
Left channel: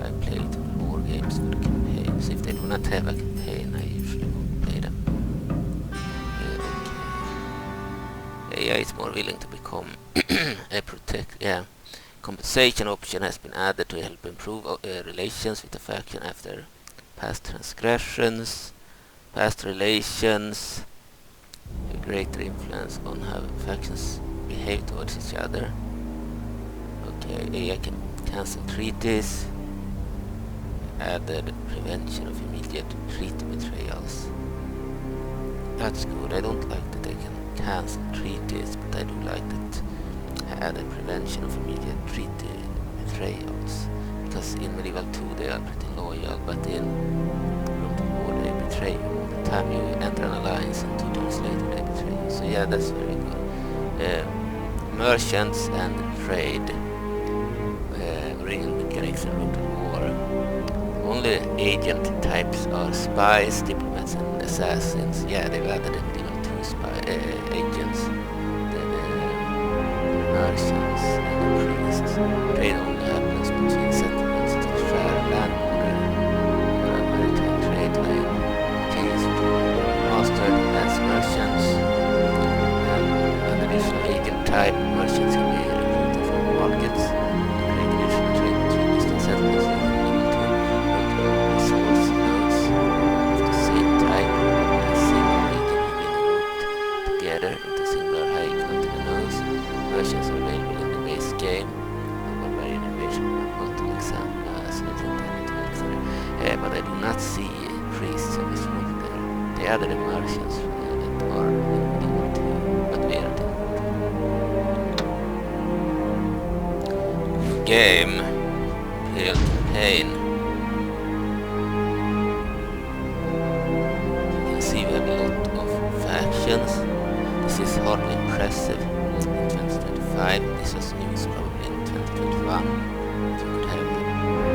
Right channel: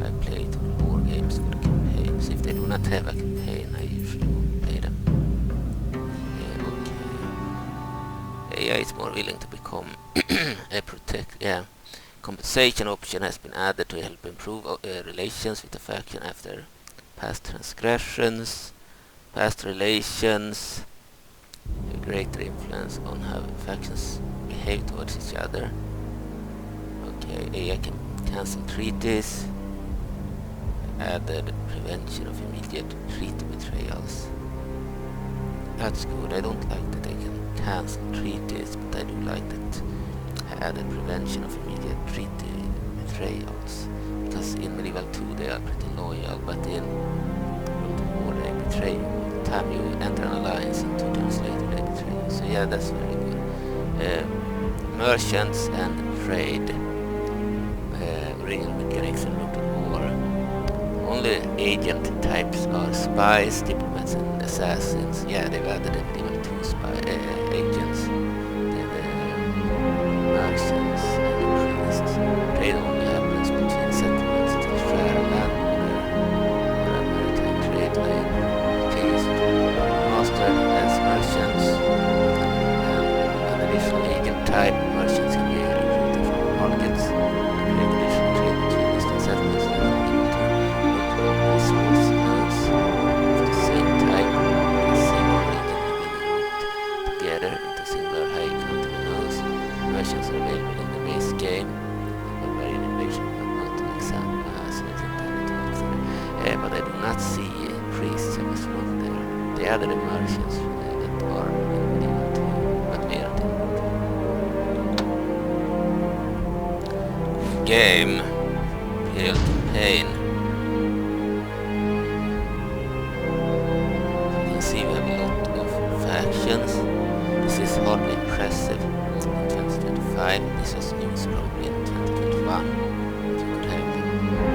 I play to the war games for the campaigns. If they do not have a campaign, I usually won't play them. Okay. AI is more willing to become a compensation option has been added to help improve relations with the faction after past transgressions. Past relations have a greater influence on how factions behave towards each other. Okay, AI can cancel treaties. Added prevention of immediate treaty betrayals. That's good. I don't like that they can cancel treaties, but I do like that added prevention of immediate treaty betrayals. Because in Medieval 2 they are pretty loyal, but in Rome to War they betray you all the time. You enter an alliance and 2 turns later they betray you. So yeah, that's very good. Merchants and trade. Original mechanics in Rome to War. Only agent types are spies, diplomats, and assassins. Yeah, they've added the Medieval 2 agents, the merchants, and the priests. Trade only happens between settlements to share a land border or a maritime trade line. Kings mastered as merchants. type. Merchants can be recruited from markets and create additional trade between distant settlements that are able to multiple resource nodes of the same type in a single region have been grouped together into singular high content nodes. Merchants are available in the base game. Barbarian invasion of multiple examples, so it's intended to work. But I do not see priests of this one there. They are the merchants that are in medieval 2, but we aren't in game. Imperial campaign. You can see we have a lot of factions. This is hardly impressive in 2025. This was news probably in 2021. You could have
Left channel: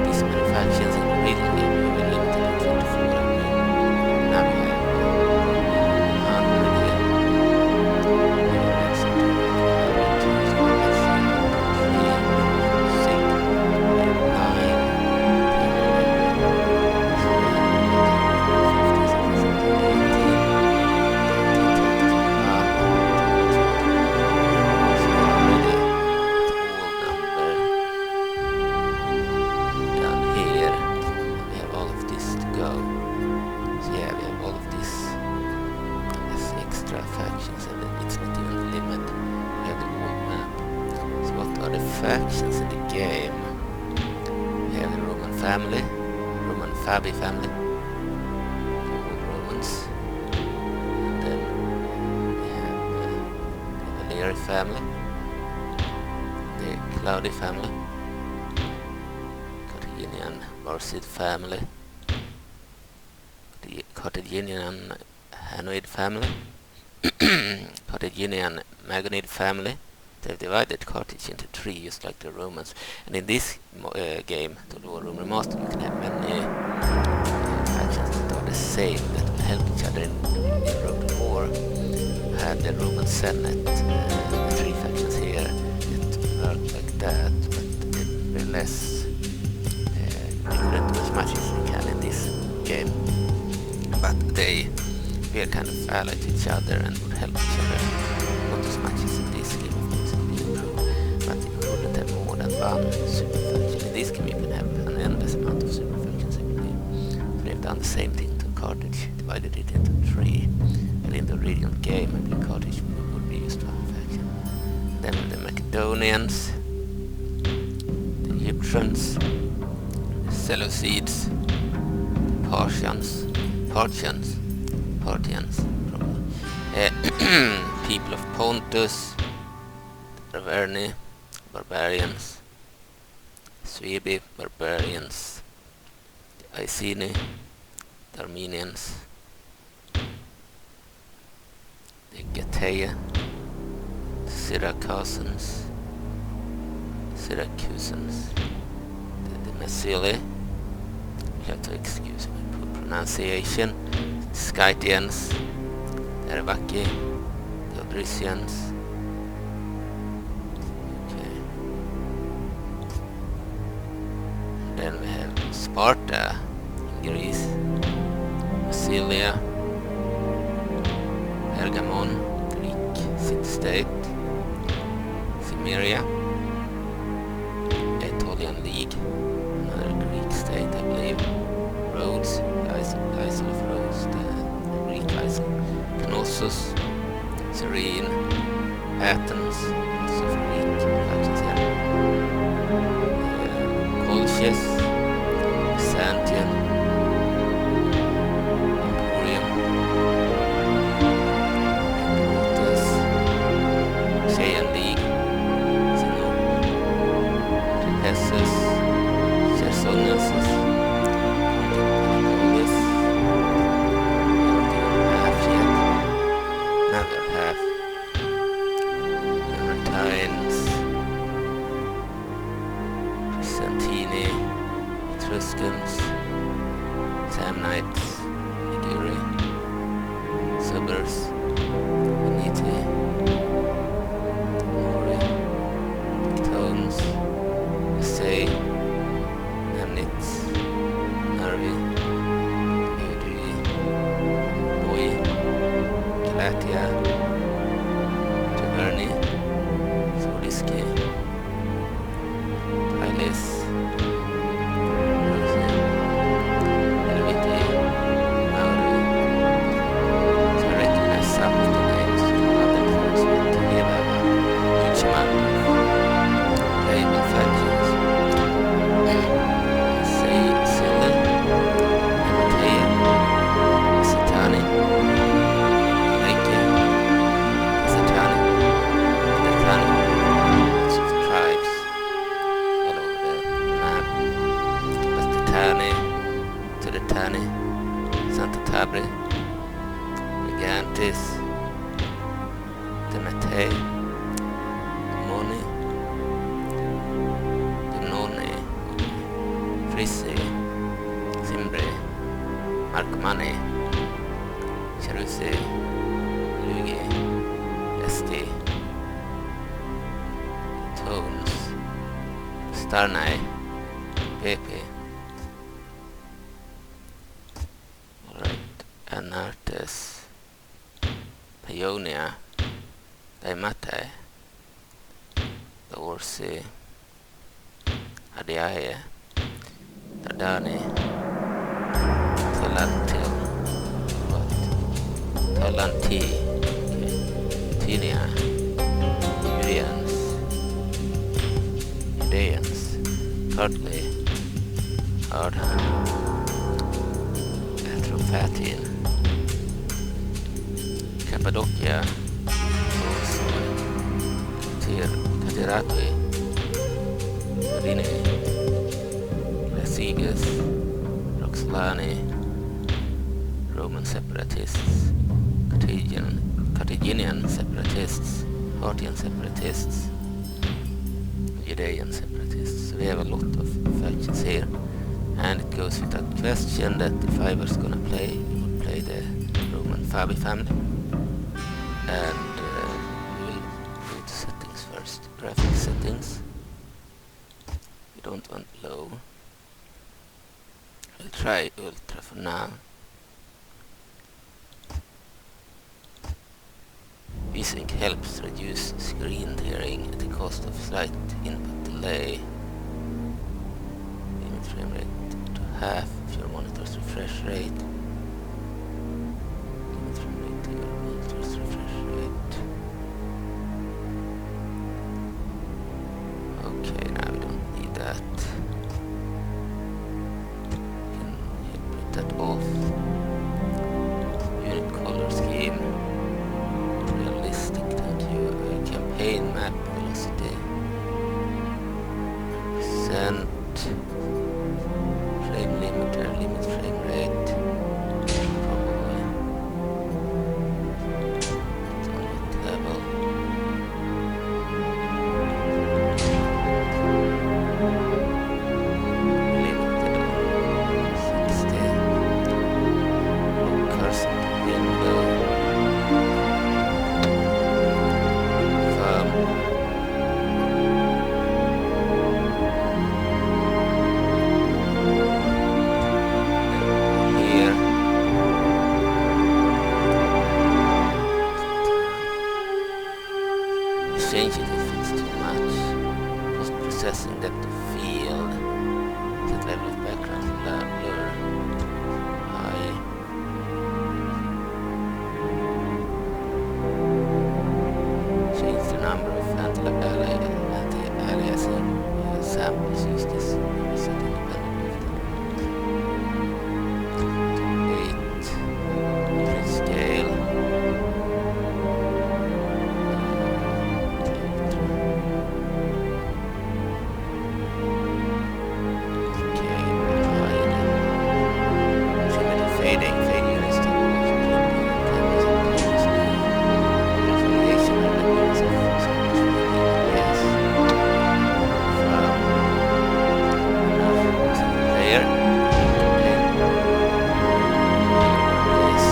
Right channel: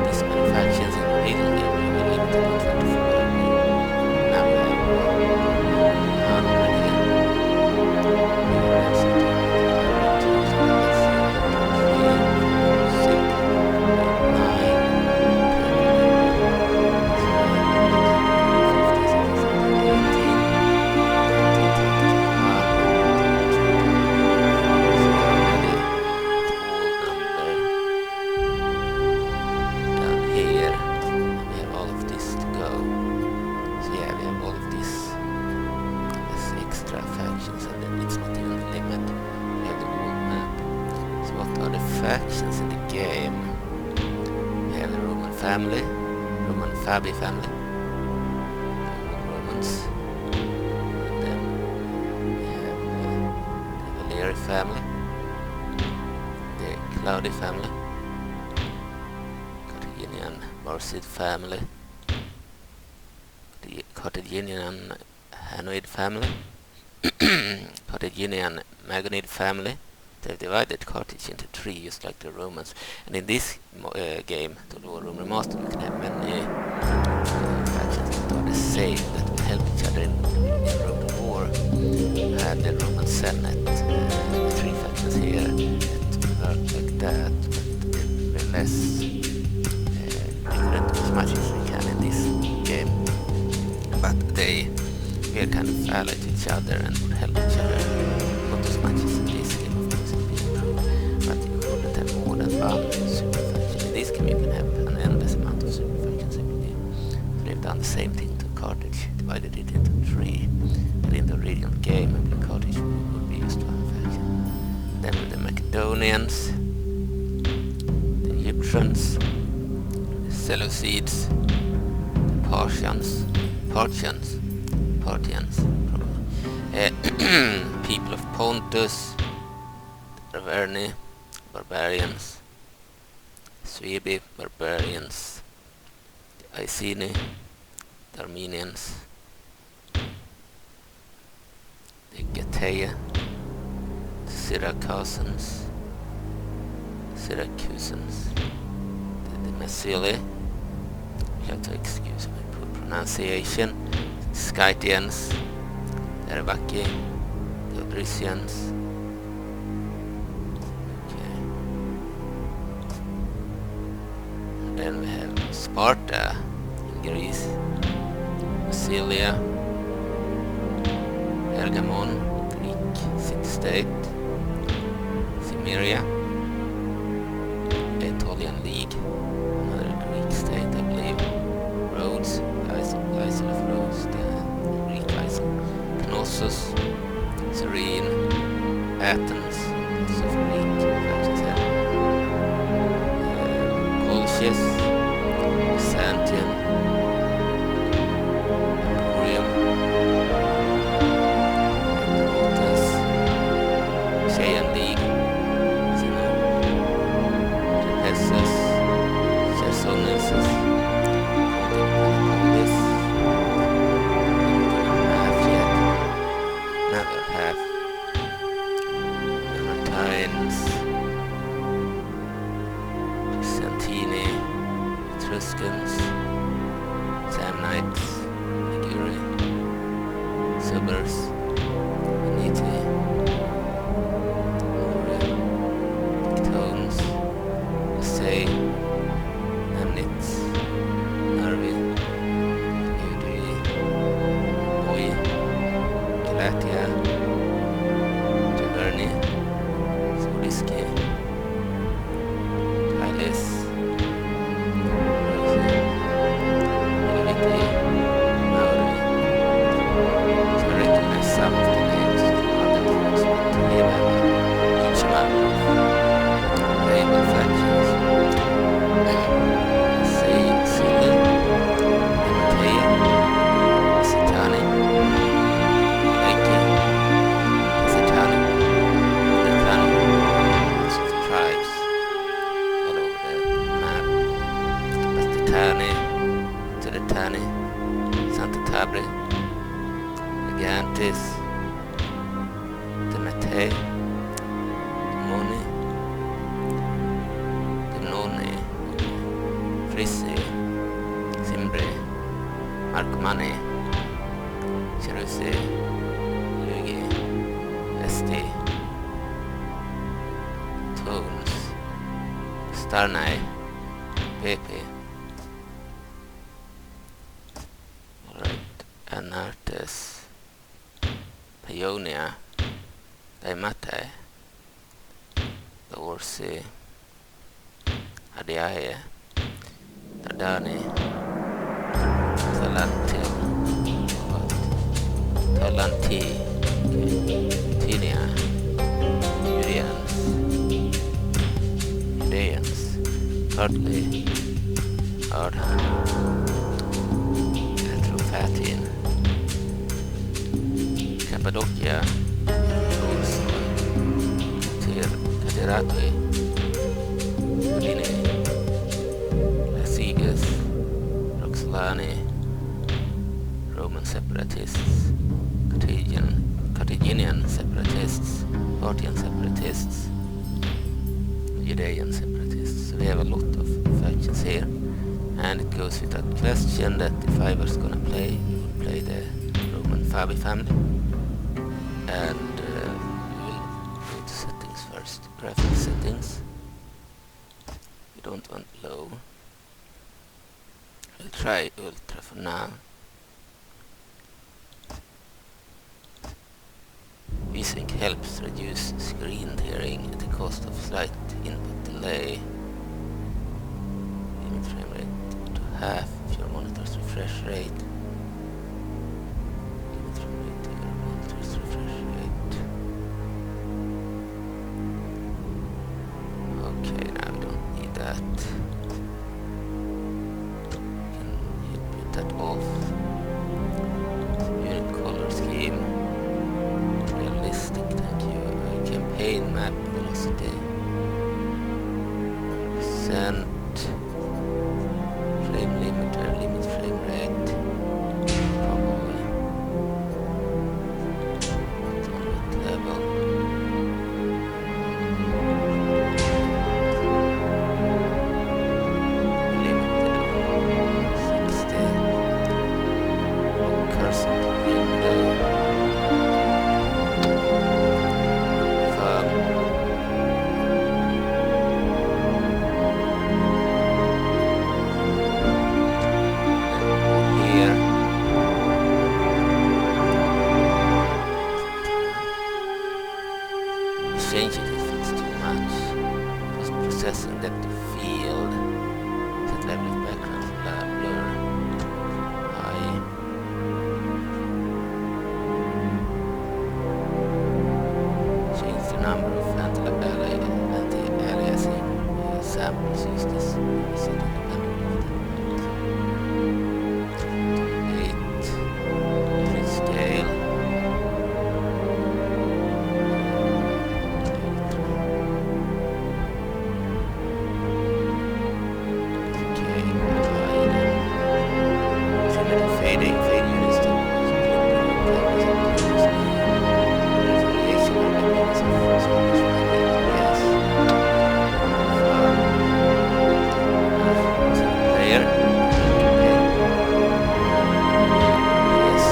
these many factions in the real game. We were limited to 24. Now we have 100 here. We have something like 102, so let's see, 1, 2, 3, 4, 5, 6, 9, 10, 11, 12, 15, 16, 17, 18, 19, 20, 21, 22, 24, so we are already at all number down here, and we have all of this to go. So yeah, we have all of this as extra factions, and it's not even the limit. We have the world map. So what are the factions in the game? We have the Roman family, Roman Fabi family, the old Romans, and then we have the Valeri family, the Claudi family, Carthaginian Barcid family, the Carthaginian Hanoid family, Carthaginian Magonid family. They've divided Carthage into 3, just like the Romans. And in this game, the Rome Remastered, you can have many factions that are the same, that will help each other in Roman War. We had the Roman Senate, the 3 factions here that work like that, but they're less. They couldn't do as much as they can in this game. But they were kind of allied to each other and would help each other. Not as much as in this game, of course, it's been improved. But you couldn't have more than one super faction. In this game you can have an endless amount of super factions. So they've done the same thing to Carthage, divided it into 3. But in the original game, I believe Carthage would be just one faction. Then with the Macedonians, the Egyptians, the Seleucids, the Parthians, probably. People of Pontus, the Arverni, barbarians, Suebi, barbarians, the Iceni, the Armenians, the Getae, the Syracusans, the Massili. You have to excuse my poor pronunciation. Scythians, the Arvaki, the Odrysians. Okay. And then we have Sparta in Greece, Massilia, Pergamon, Greek city-state, Cimmeria, Aetolian League, another Greek state, I believe. Rhodes, Isle of Rhodes, the Greek Isle, Knossos, Cyrene, Athens, lots of Greek factions here, Colchis, Byzantium, Emporium, Epirotes, Chean League, Zeno, Trapessus, Chersonesus, another half, Mamertines, Byzantini, Etruscans, Samnites, Liguri, Subers, Veneti, Mori, Dictones, Essay, Nemnitz, Narvi, Eudri, Boi, Galatia, Taverni, Terni, to the Terni, Santa Tabri, Gigantis, the Mate, Moni, Dumnoni, Frissi, Simbre, Markomani, Cherusi, Lugi, Esti, Tones, Starnai, Pepe. Alright, Anartes, Paeonia, Daimate, Dorsi, Adiae, Tardani, Talantil, what? Talanti, okay. Tinia, Judeans, Hardly, Hardham, Atrophatin, Cappadocia, Bolsoi, Cateratui, Udine, Lasigas, Roxolani, Roman separatists, Carthaginian separatists, Parthian separatists, Judean separatists. So we have a lot of factions here, and it goes without question that if I was gonna play, we would play the Roman Fabi family, and we will go to settings first. Graphic settings. We don't want low. We'll try ultra for now. VSync helps reduce screen tearing at the cost of slight input delay. Limit frame rate to half of your monitor's refresh rate. Limit frame rate to your monitor's refresh rate. Okay, now we don't need that. We can put that off. Unit color scheme. Realistic, thank you. Campaign map velocity 100%. Frame limiter, limit frame rate. Probably. Not on what level. Limited on 60. Lock cursor to window. Change it if it's too much. Post-processing depth of field. Set level of background blur. High. Change the number of anti-aliasing samples. Use this. Set independent of 8. Unit scale. Fade units to variation of the units of so much yes. From player yes.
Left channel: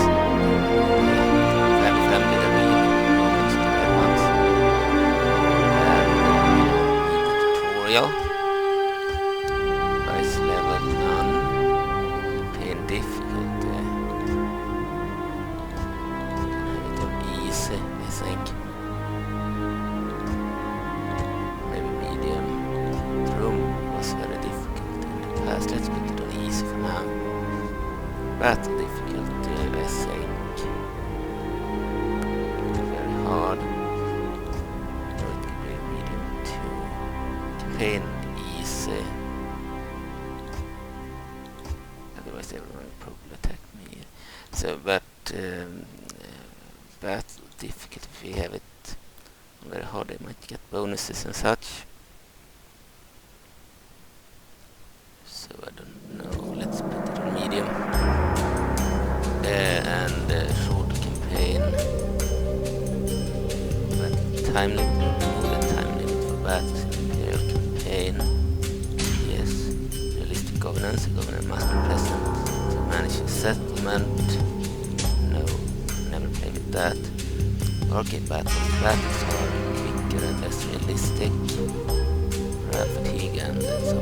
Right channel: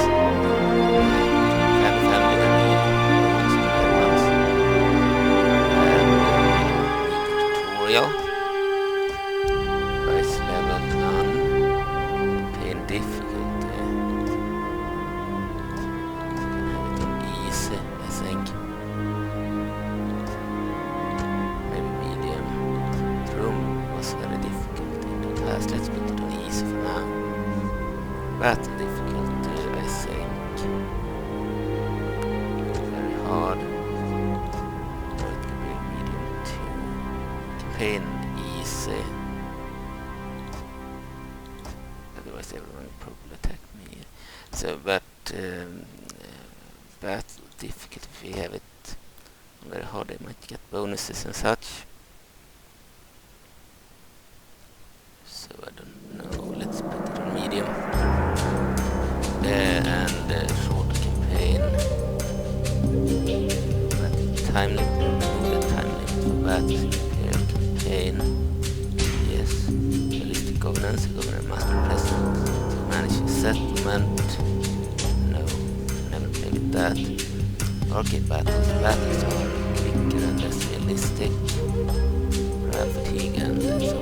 Family and Romans to red ones. And we don't need the tutorial. Price level none. Pain difficulty. I think. Maybe medium. The room was very difficult in the past. Let's put it on easy for now. But difficult, I think. Very hard. Or it could be medium too. Campaign easy. Otherwise everyone will probably attack me. So, but difficult if we have it on very hard, they might get bonuses and such. So I don't know. time limit. Remove the time limit for battles in the Imperial campaign. Yes. Realistic governance. The governor must be present to manage a settlement. No. Never play with that. Arcade battles. Battles are quicker and less realistic. Morale fatigue and some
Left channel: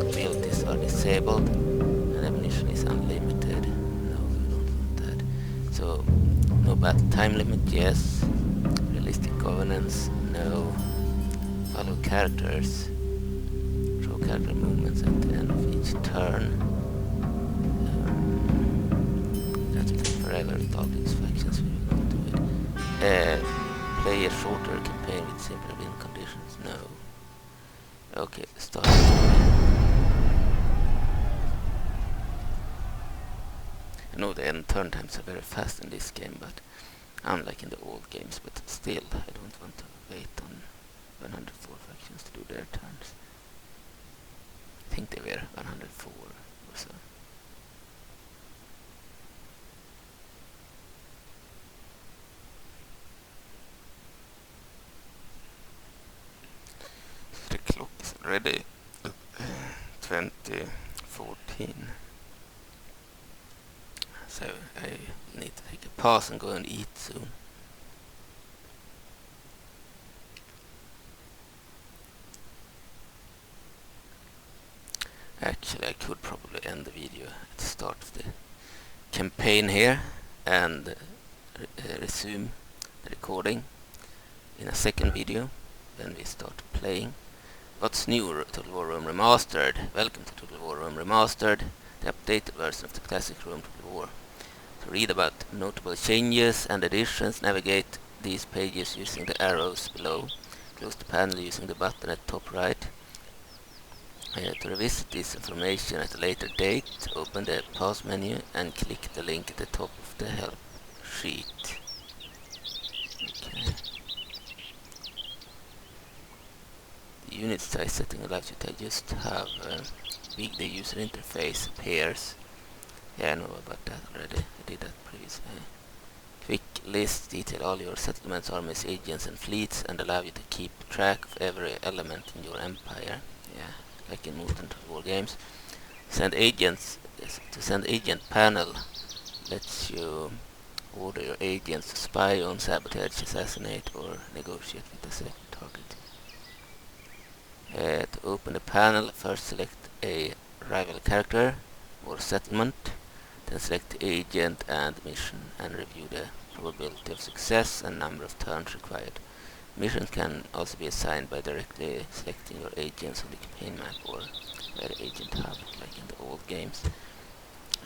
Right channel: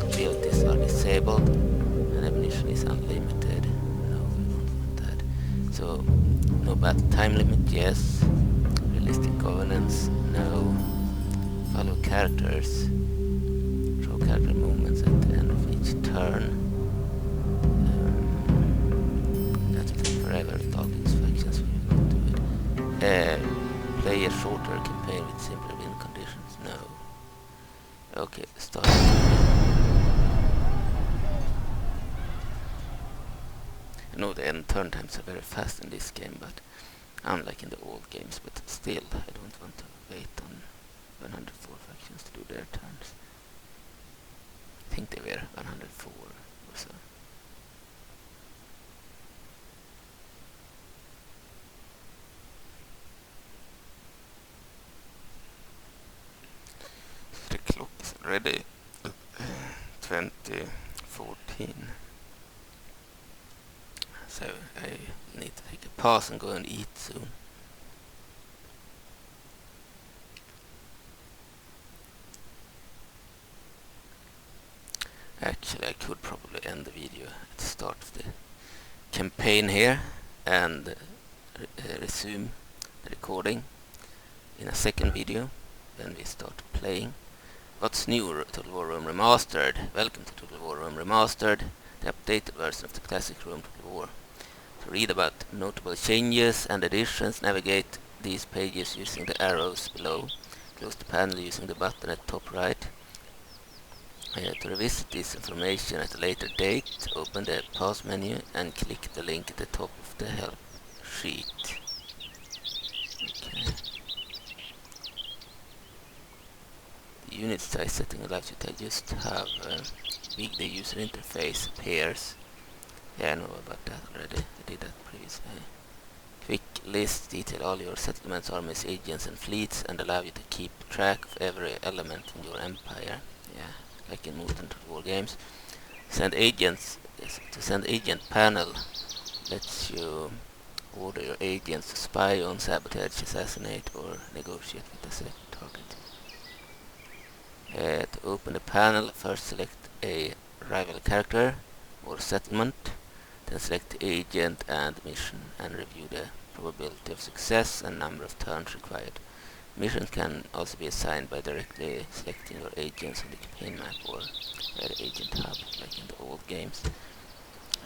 abilities are disabled. And ammunition is unlimited. No, we don't want that. So, no battle time limit, yes. Realistic governance, no. Follow characters. Show character movements at the end of each turn. That will take forever with all these factions, we will not do it. Play a shorter campaign with simpler win conditions, no. Okay, start. I know the end turn times are very fast in this game, but unlike in the old games, but still, I don't want to wait on 104 factions to do their turns. I think they were 104 or so. The clock is already 2014. So I need to take a pause and go and eat soon. Actually, I could probably end the video at the start of the campaign here and resume the recording in a second video when we start playing. What's new? Total War Rome Remastered. Welcome to Total War Rome Remastered, the updated version of the classic Rome Total War. To read about notable changes and additions, navigate these pages using the arrows below. Close the panel using the button at top right. To revisit this information at a later date, open the pause menu and click the link at the top of the help sheet. Okay. The unit size setting allows you to just have big the user interface appears. Yeah, I know about that already. I did that previously. Quick list detail all your settlements, armies, agents and fleets and allow you to keep track of every element in your empire. Yeah, like in modern war games. Send agents. To send agent panel lets you order your agents to spy on, sabotage, assassinate or negotiate with a selected target. To open the panel, first select a rival character or settlement. Then select the agent and mission and review the probability of success and number of turns required. Missions can also be assigned by directly selecting your agents on the campaign map or by the agent hub, like in the old games.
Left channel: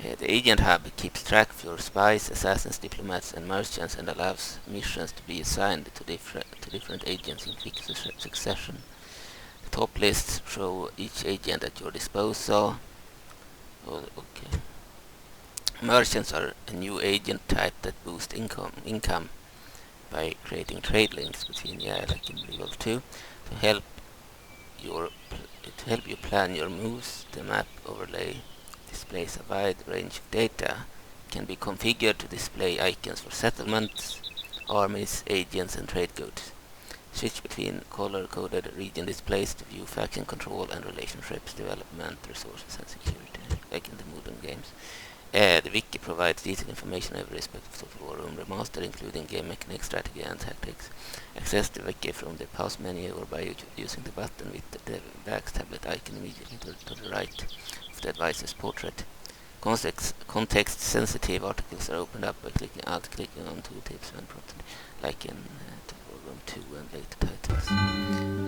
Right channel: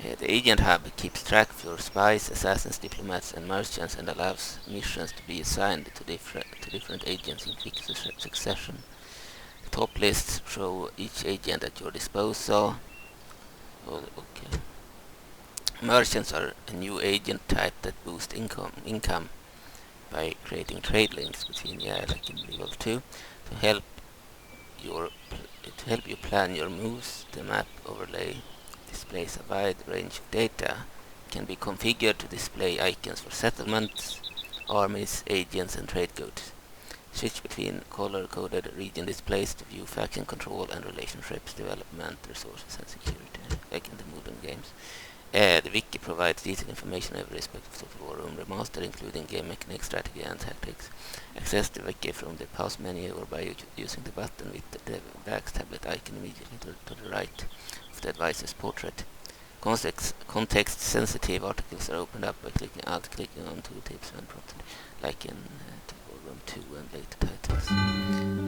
The agent hub keeps track of your spies, assassins, diplomats and merchants and allows missions to be assigned to different agents in quick succession. The top lists show each agent at your disposal. Oh, okay. Merchants are a new agent type that boost income by creating trade links between, like in Revolve 2, to help you plan your moves. The map overlay displays a wide range of data. It can be configured to display icons for settlements, armies, agents and trade goods. Switch between color-coded region displays to view faction control and relationships, development, resources and security, like in the modern games. The wiki provides detailed information on every aspect of Total War Rome Remastered, including game mechanics, strategy and tactics. Access the wiki from the pause menu or by using the button with the back tablet icon immediately to the right of the advisor's portrait. Context-sensitive articles are opened up by clicking on tooltips when prompted, like in Total War Rome 2 and later titles.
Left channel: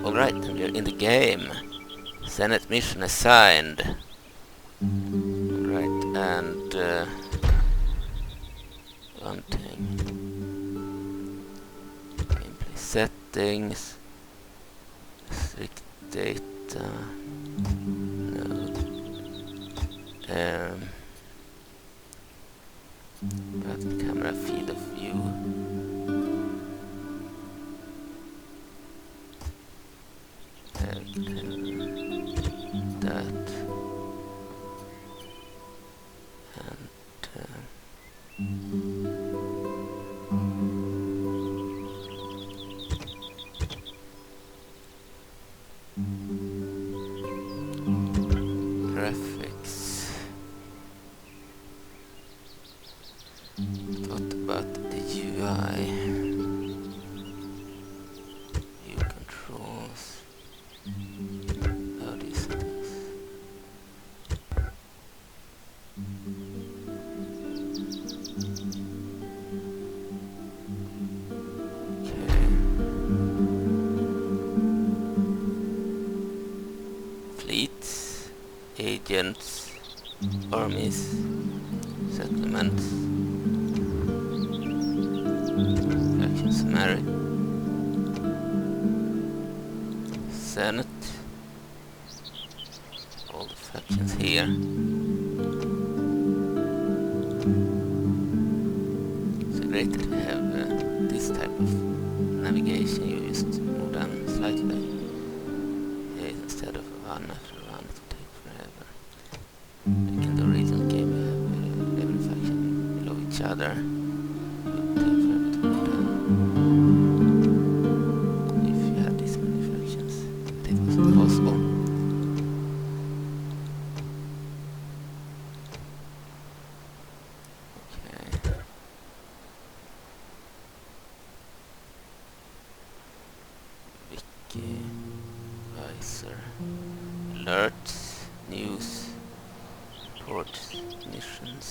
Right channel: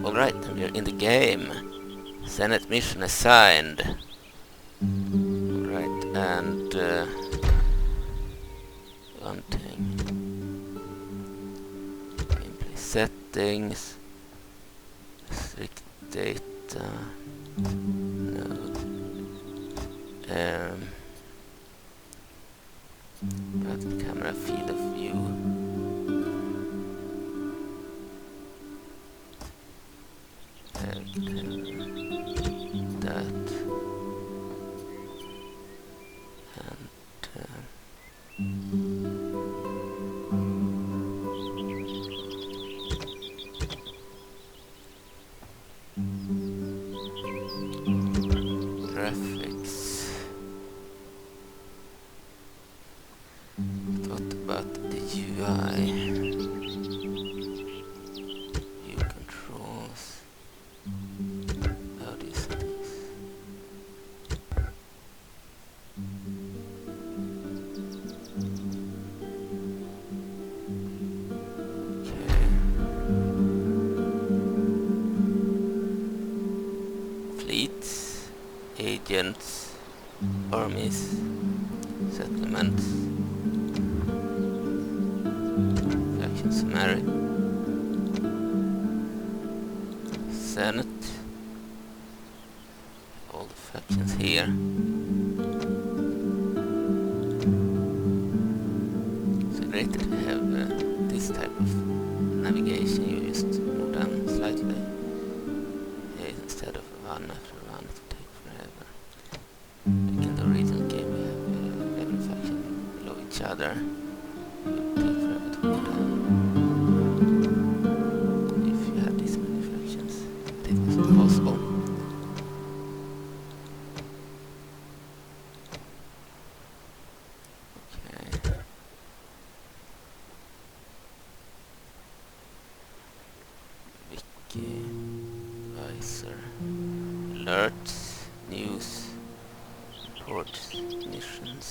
Alright, and we're in the game. Senate mission assigned. Alright, and one thing. Gameplay settings. Strict data. No. Button camera field of view. And that. graphics. What about the UI? View controls. How do you set this? Okay. Fleets, agents, armies, settlements, faction summary, Senate, all the factions here. It's great that we have this type of navigation. You just move down slightly. Instead of one after one, it will take forever. Like in the original game, you have every faction below each other. It would take forever to move down. If you had this many factions, but it was impossible. Okay. Wiki. Visor, alerts, news, reports, missions.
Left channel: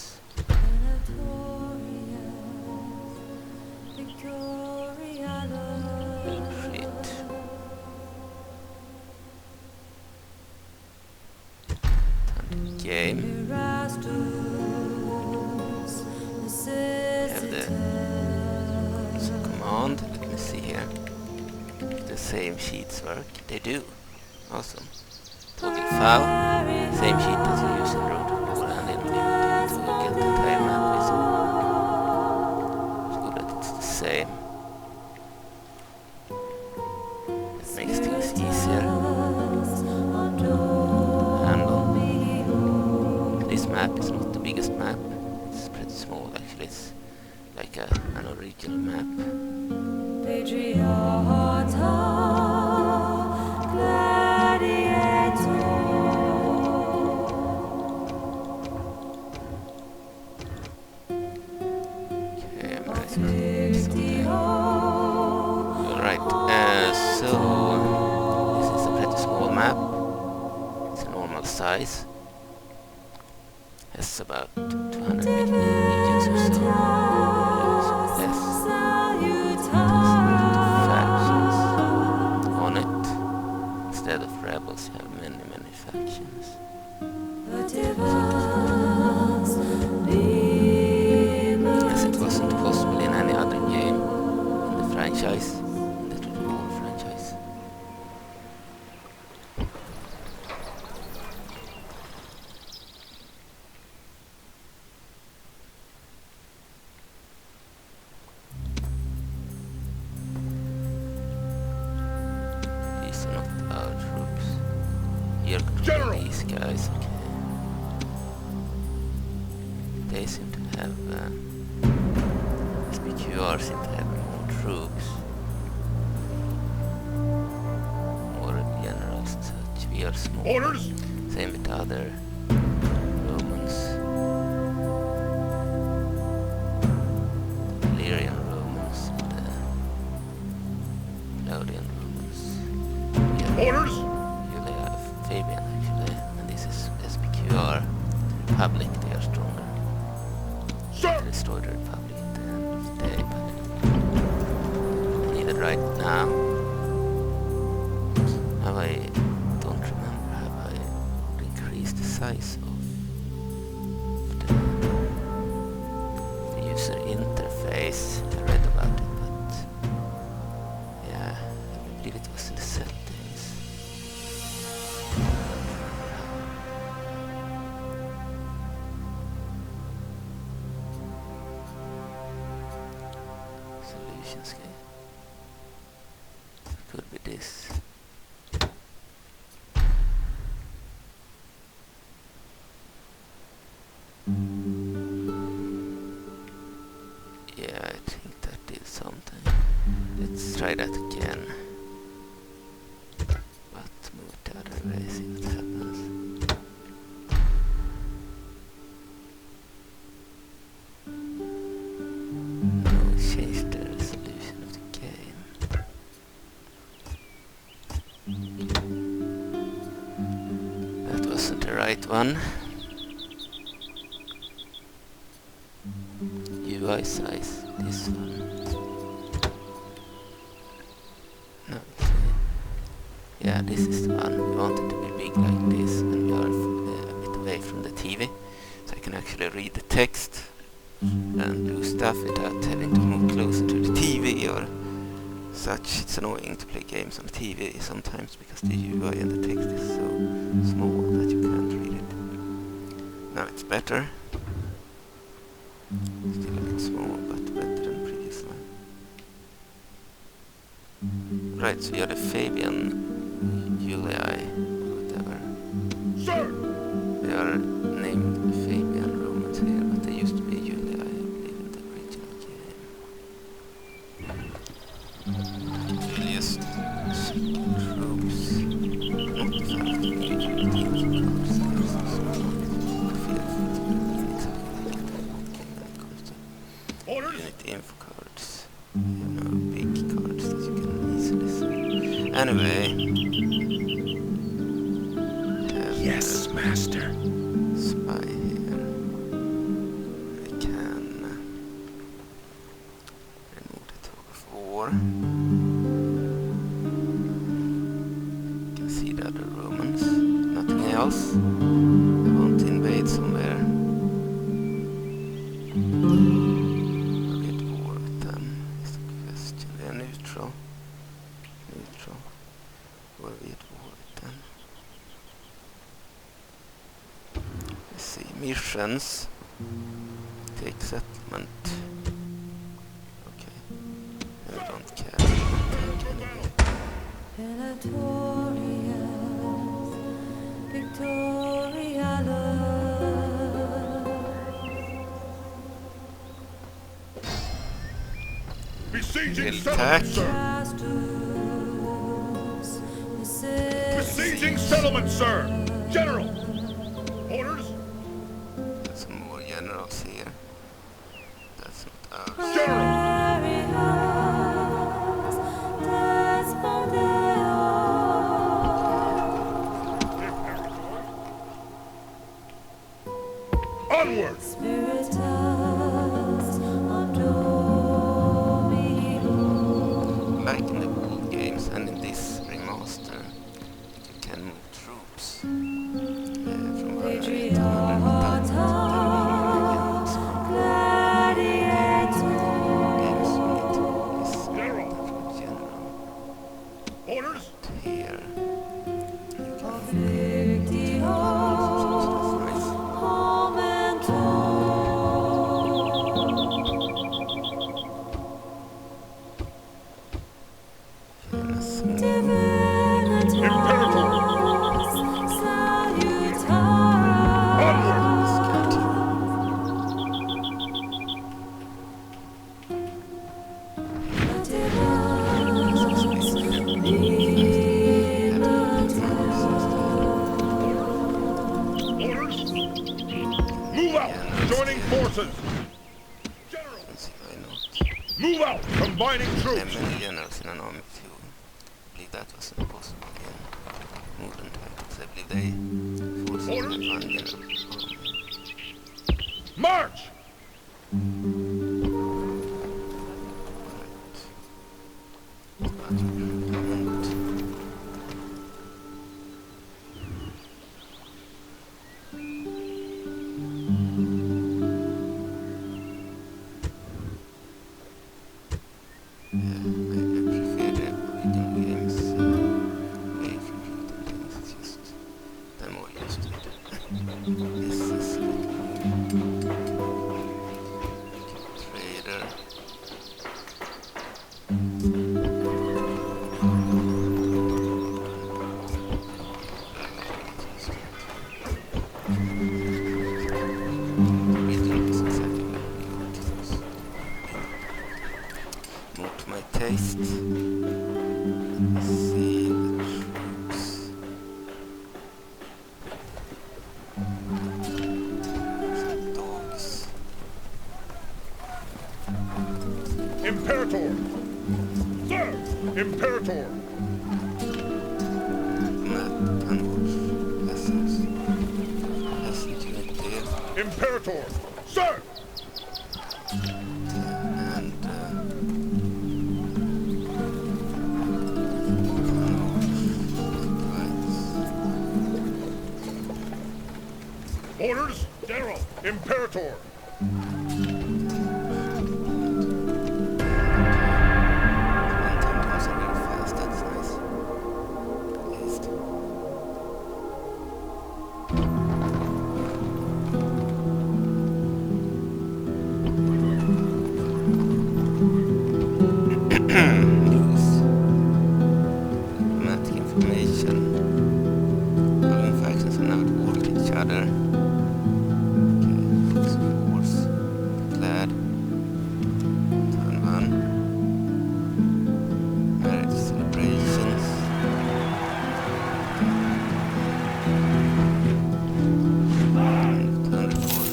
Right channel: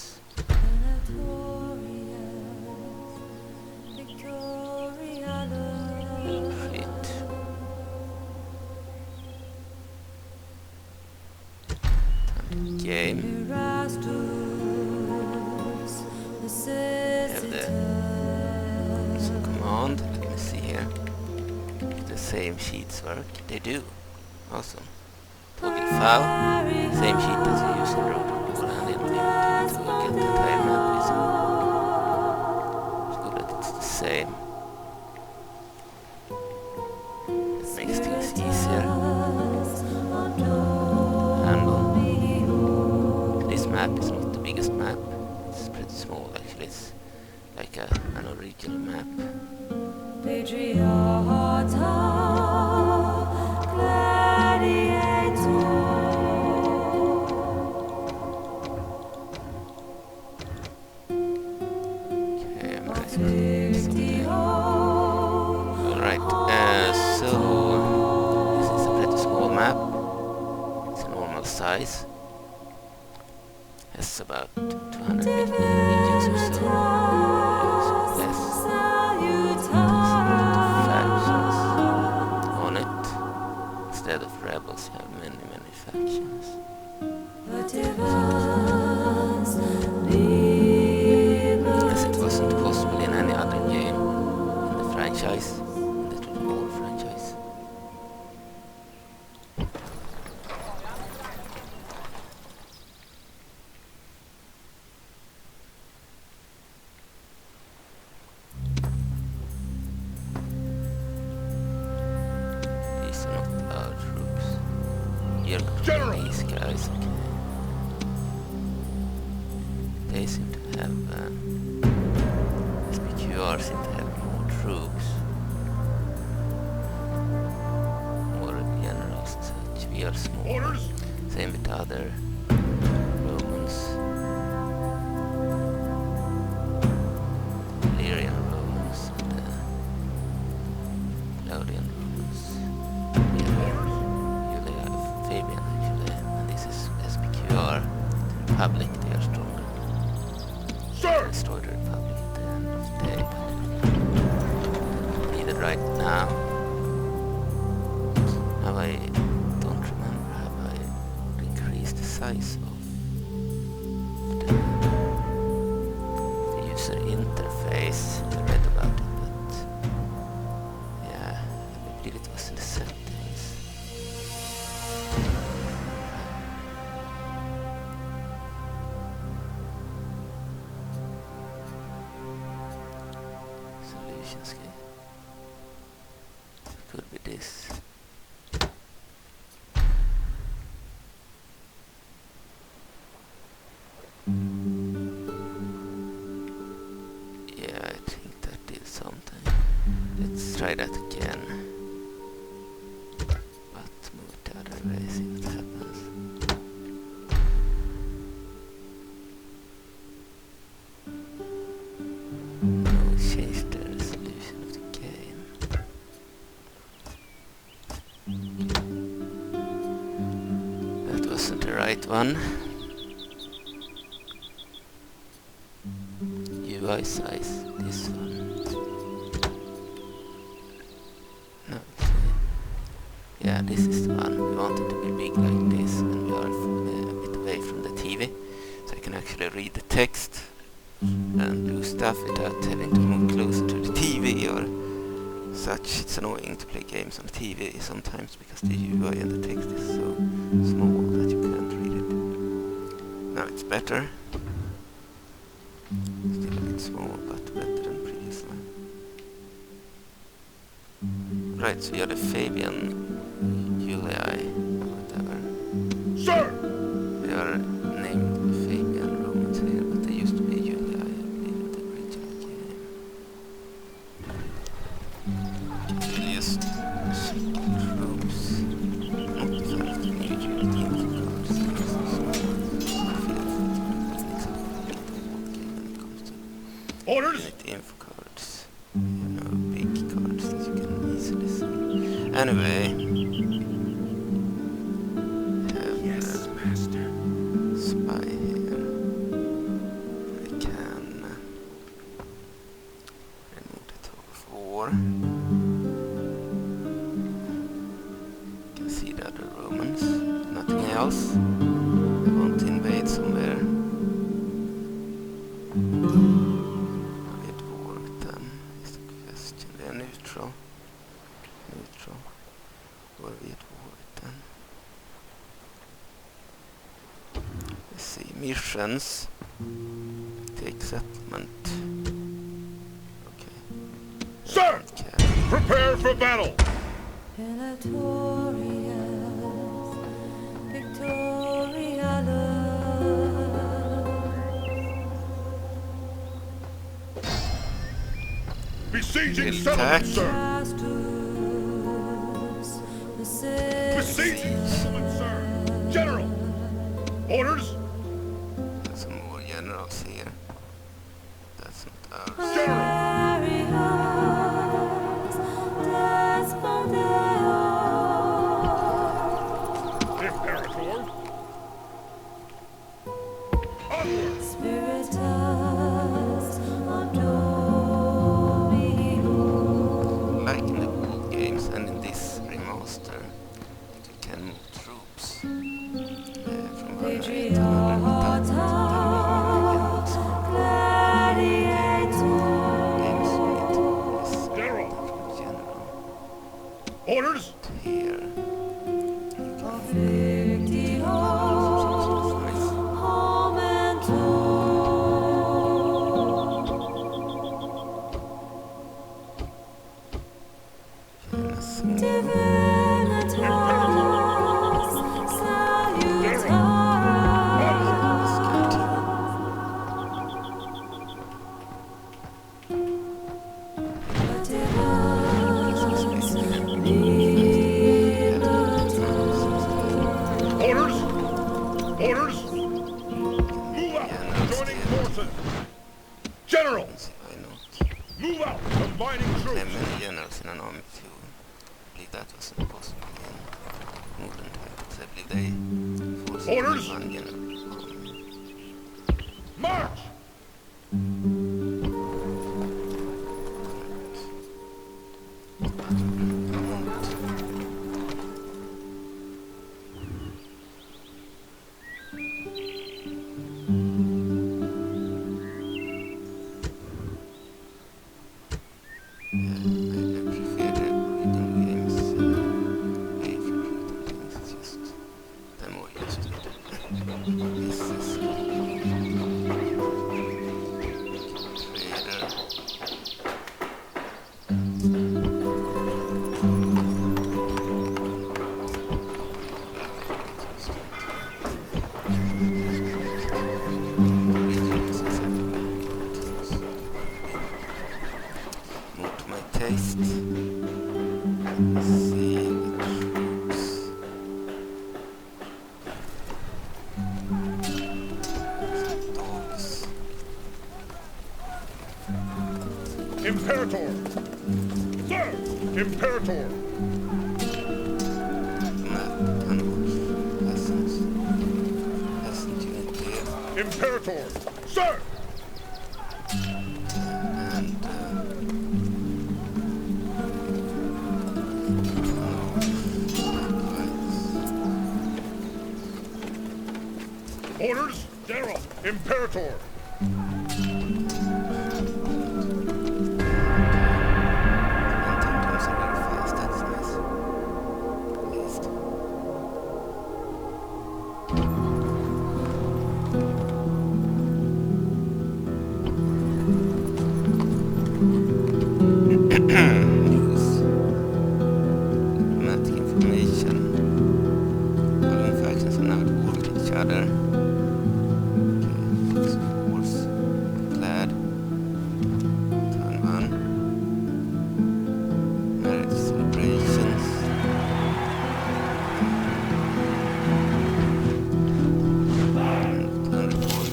Retreat. Time to game. Have the command. Let me see here. The same sheets work. They do. Awesome. Toggle file. Same sheet as you use in Road beforehand in Limited to get the entire map visible. It's good that it's the same. It makes things easier. Handle. This map is not the biggest map. It's pretty small actually. It's like an original map. Alright, so this is a pretty small map. It's a normal size. Has about 250 regions or so. Less. Factions on it. Instead of rebels, you have many factions. As it wasn't possible in any other game in the franchise, in the whole franchise. These are not our troops. You're controlling these guys, okay. They seem to have SPQR seem to have more troops, more generals and such. We are small. Orders. Same with other Romans, Illyrian Romans, and Laudian Romans. Orders. Usually Fabian actually, and this is SPQR. The Republic, they are stronger. Destroy the Republic at the end of the day, but needed right now. Have I don't remember, have I increased the size of the user interface? I read about it, but yeah, I believe it was in the settings. Could be this. Yeah, I think that did something. Let's try that again. But move the other way, see what happens. one. UI size, this one. No, yeah, this is the one. We want it to be big like this, and we are a bit away from the TV, so I can actually read the text and do stuff without having to move closer to the TV or such. It's annoying to play games on the TV sometimes because the UI and the text is so small that you can't read it. Now it's better. Still a bit small, but better than previously. Right, so you're the Fabian, Julia, whatever. Sir! They are named Fabian Romans here, but they used to be Julia, I believe, in the original game. Just troops. Not the fan of the new unity cards. Orders! Unity info cards. You know, big cards that you can easily see. Anyway. Yes, master. Spy here. I can remove the tug of war. You can see the other Romans. Nothing else. I want to invade somewhere. Are we at war with them? Is the question. They are neutral. Neutral. Or are we at war with them? Let's see. Missions. Take settlement. Okay. I Sir! don't care. Prepare for battle! Besieging Attack. settlement, sir! Besieging settlement, sir! General! Orders! There's some more generals here. That's not ours. General! Imperator! Onward! Like in the old games and in this remaster, you can move troops from one area to another without them being against games. You need this General! general Orders! here. Orders! Move out! Joining forces! General! Why not? Move out! Combining There are troops! many generals in an army too. I believe that was impossible in modern titles. I believe they forced Orders! one general army. March! I prefer the original games way of recruiting things. It's just I'm more used to it. This is trader. Original was exactly like we got. More to my taste. Let's see the troops. Some dogs. Imperator! Sir! Imperator! Map and watch lessons. Imperator! Sir! And Orders, General! Imperator! sometimes are very fast, that's nice. At least. News. Diplomatic information. Following factions are now at war with each other. Okay, focus on wars. Glad. Turn 1. Marriage celebrations. Turn report.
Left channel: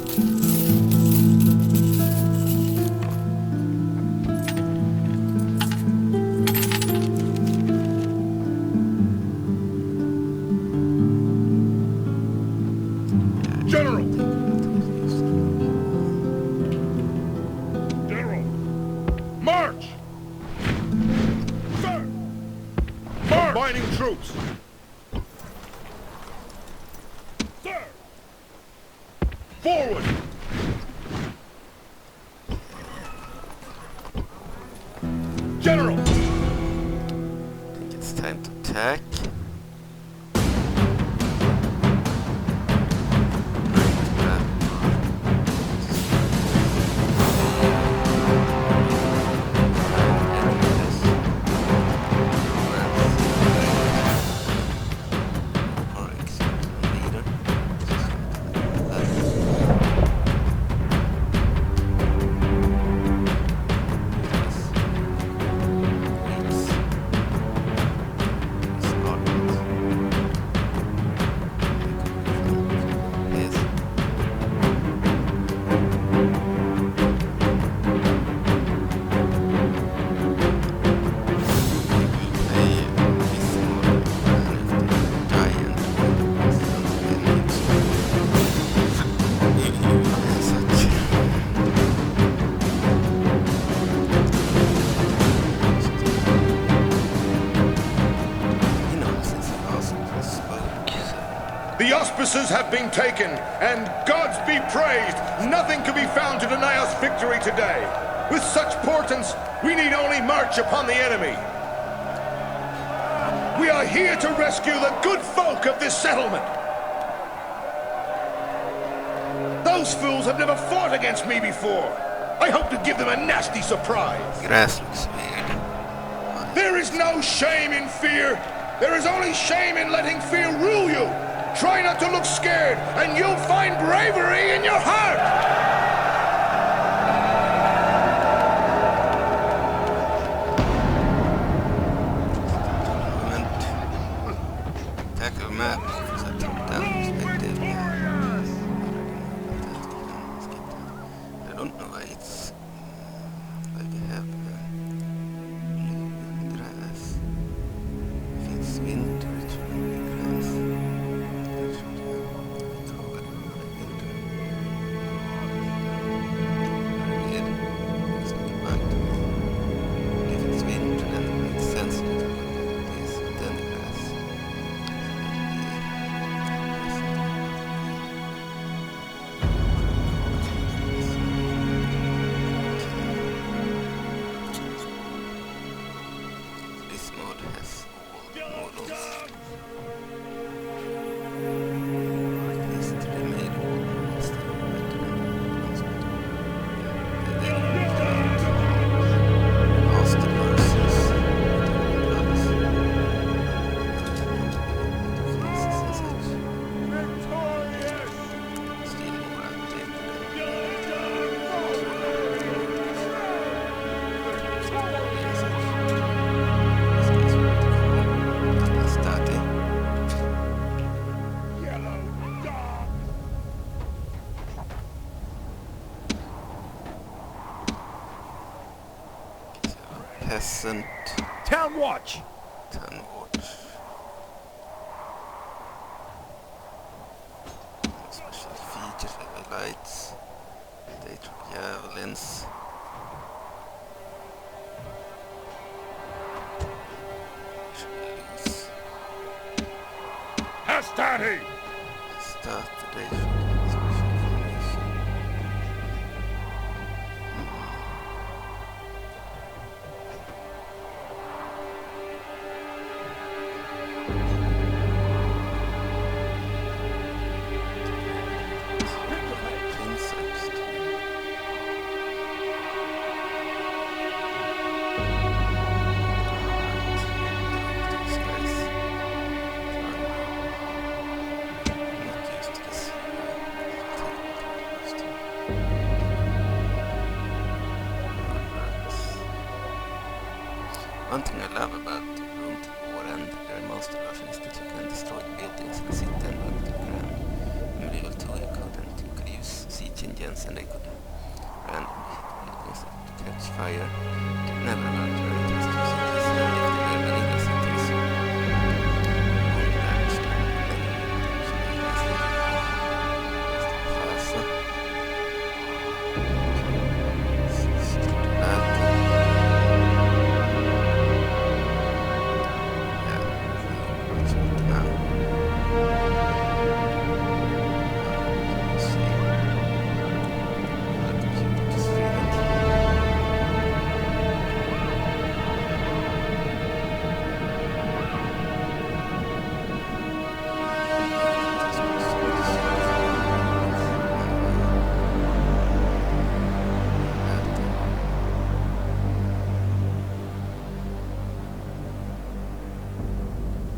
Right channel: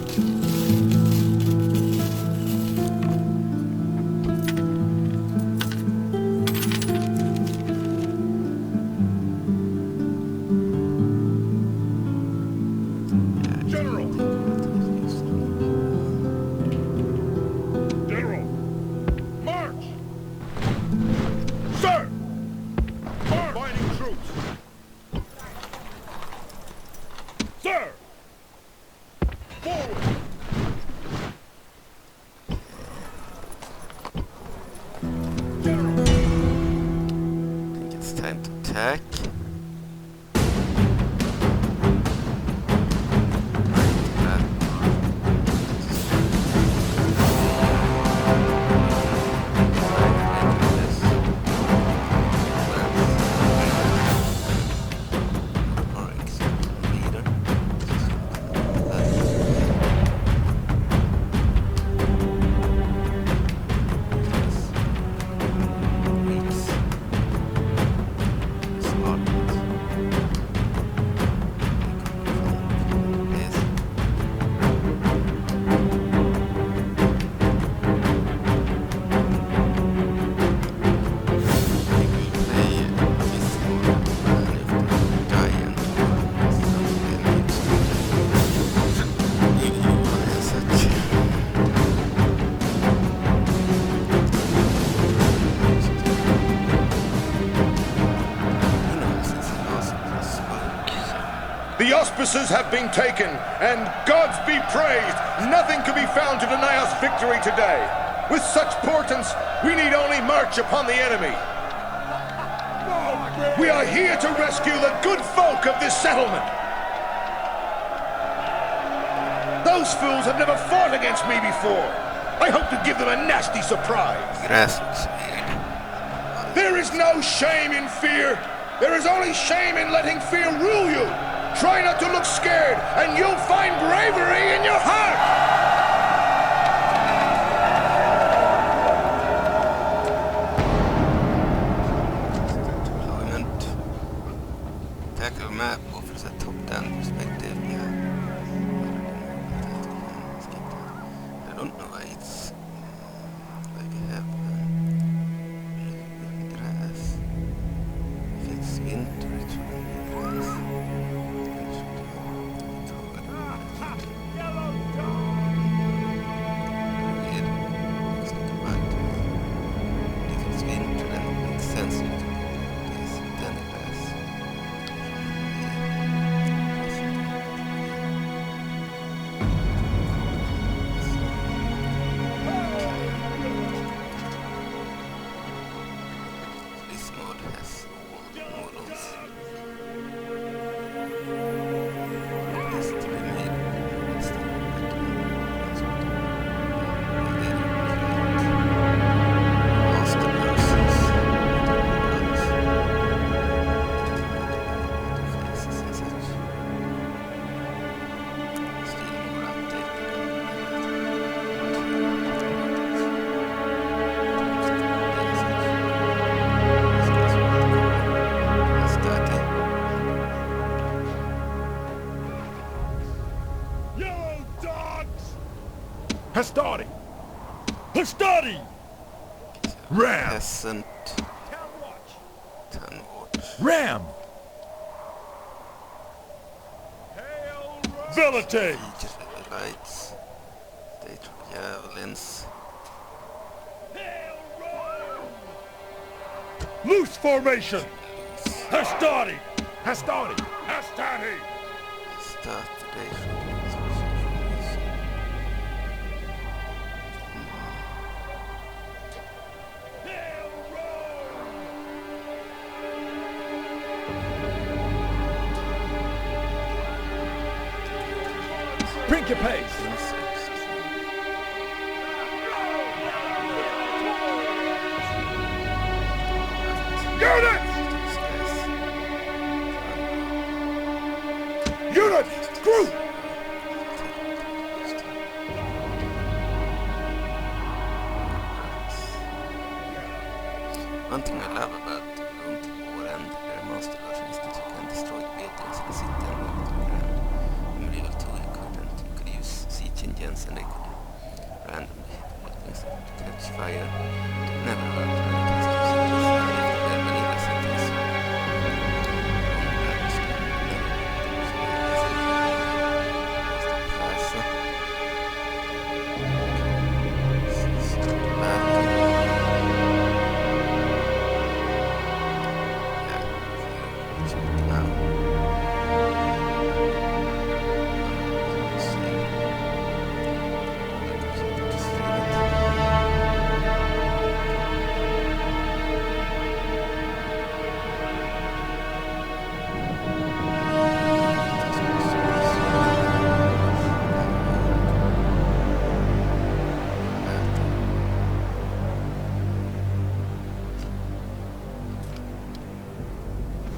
General! General! March! Sir! March! Combining troops! Sir! Forward! General! I think it's time to attack. The auspices have been taken, and gods be praised, nothing can be found to deny us victory today. With such portents, we need only march upon the enemy. We are here to rescue the good folk of this settlement. Those fools have never fought against me before. I hope to give them a nasty surprise. Grass looks weird. There is no shame in fear. There is only shame in letting fear rule you. Try not to look scared, and you'll find bravery in your heart! Deployment. Attack of map offers a top-down perspective. I don't know why it's... why we have blue grass. If it's winter, it shouldn't be grass. It should be covered in winter. Very weird. Looks like a bug to me. But if it's winter, then it makes sense to do this. Then the grass shouldn't be present in the This mod has all the models. Or at least they made all models that are better than the ones with they ripped out Master Nurses, Brothers, faces and such. Still more updated than Hastari! Hastari! Ram! Peasant Town watch! Town Watch. Ram! Ability! Feature lights. State javelins. Loose formation! Hastati! Hastati! Hastati! Start the day for special information. Print your page! Insects. Unit! Unit! Group! One thing I love about Rome Remastered version is that you can destroy the buildings in the city and burn to the ground. In Medieval 2 you couldn't. You could use siege engines and they could randomly hit buildings that would catch fire. Never allowed to run against two cities, even if they were vanilla cities. Only damage them, never reduce the plaza. Start the battle. Now. See the computer to stream it.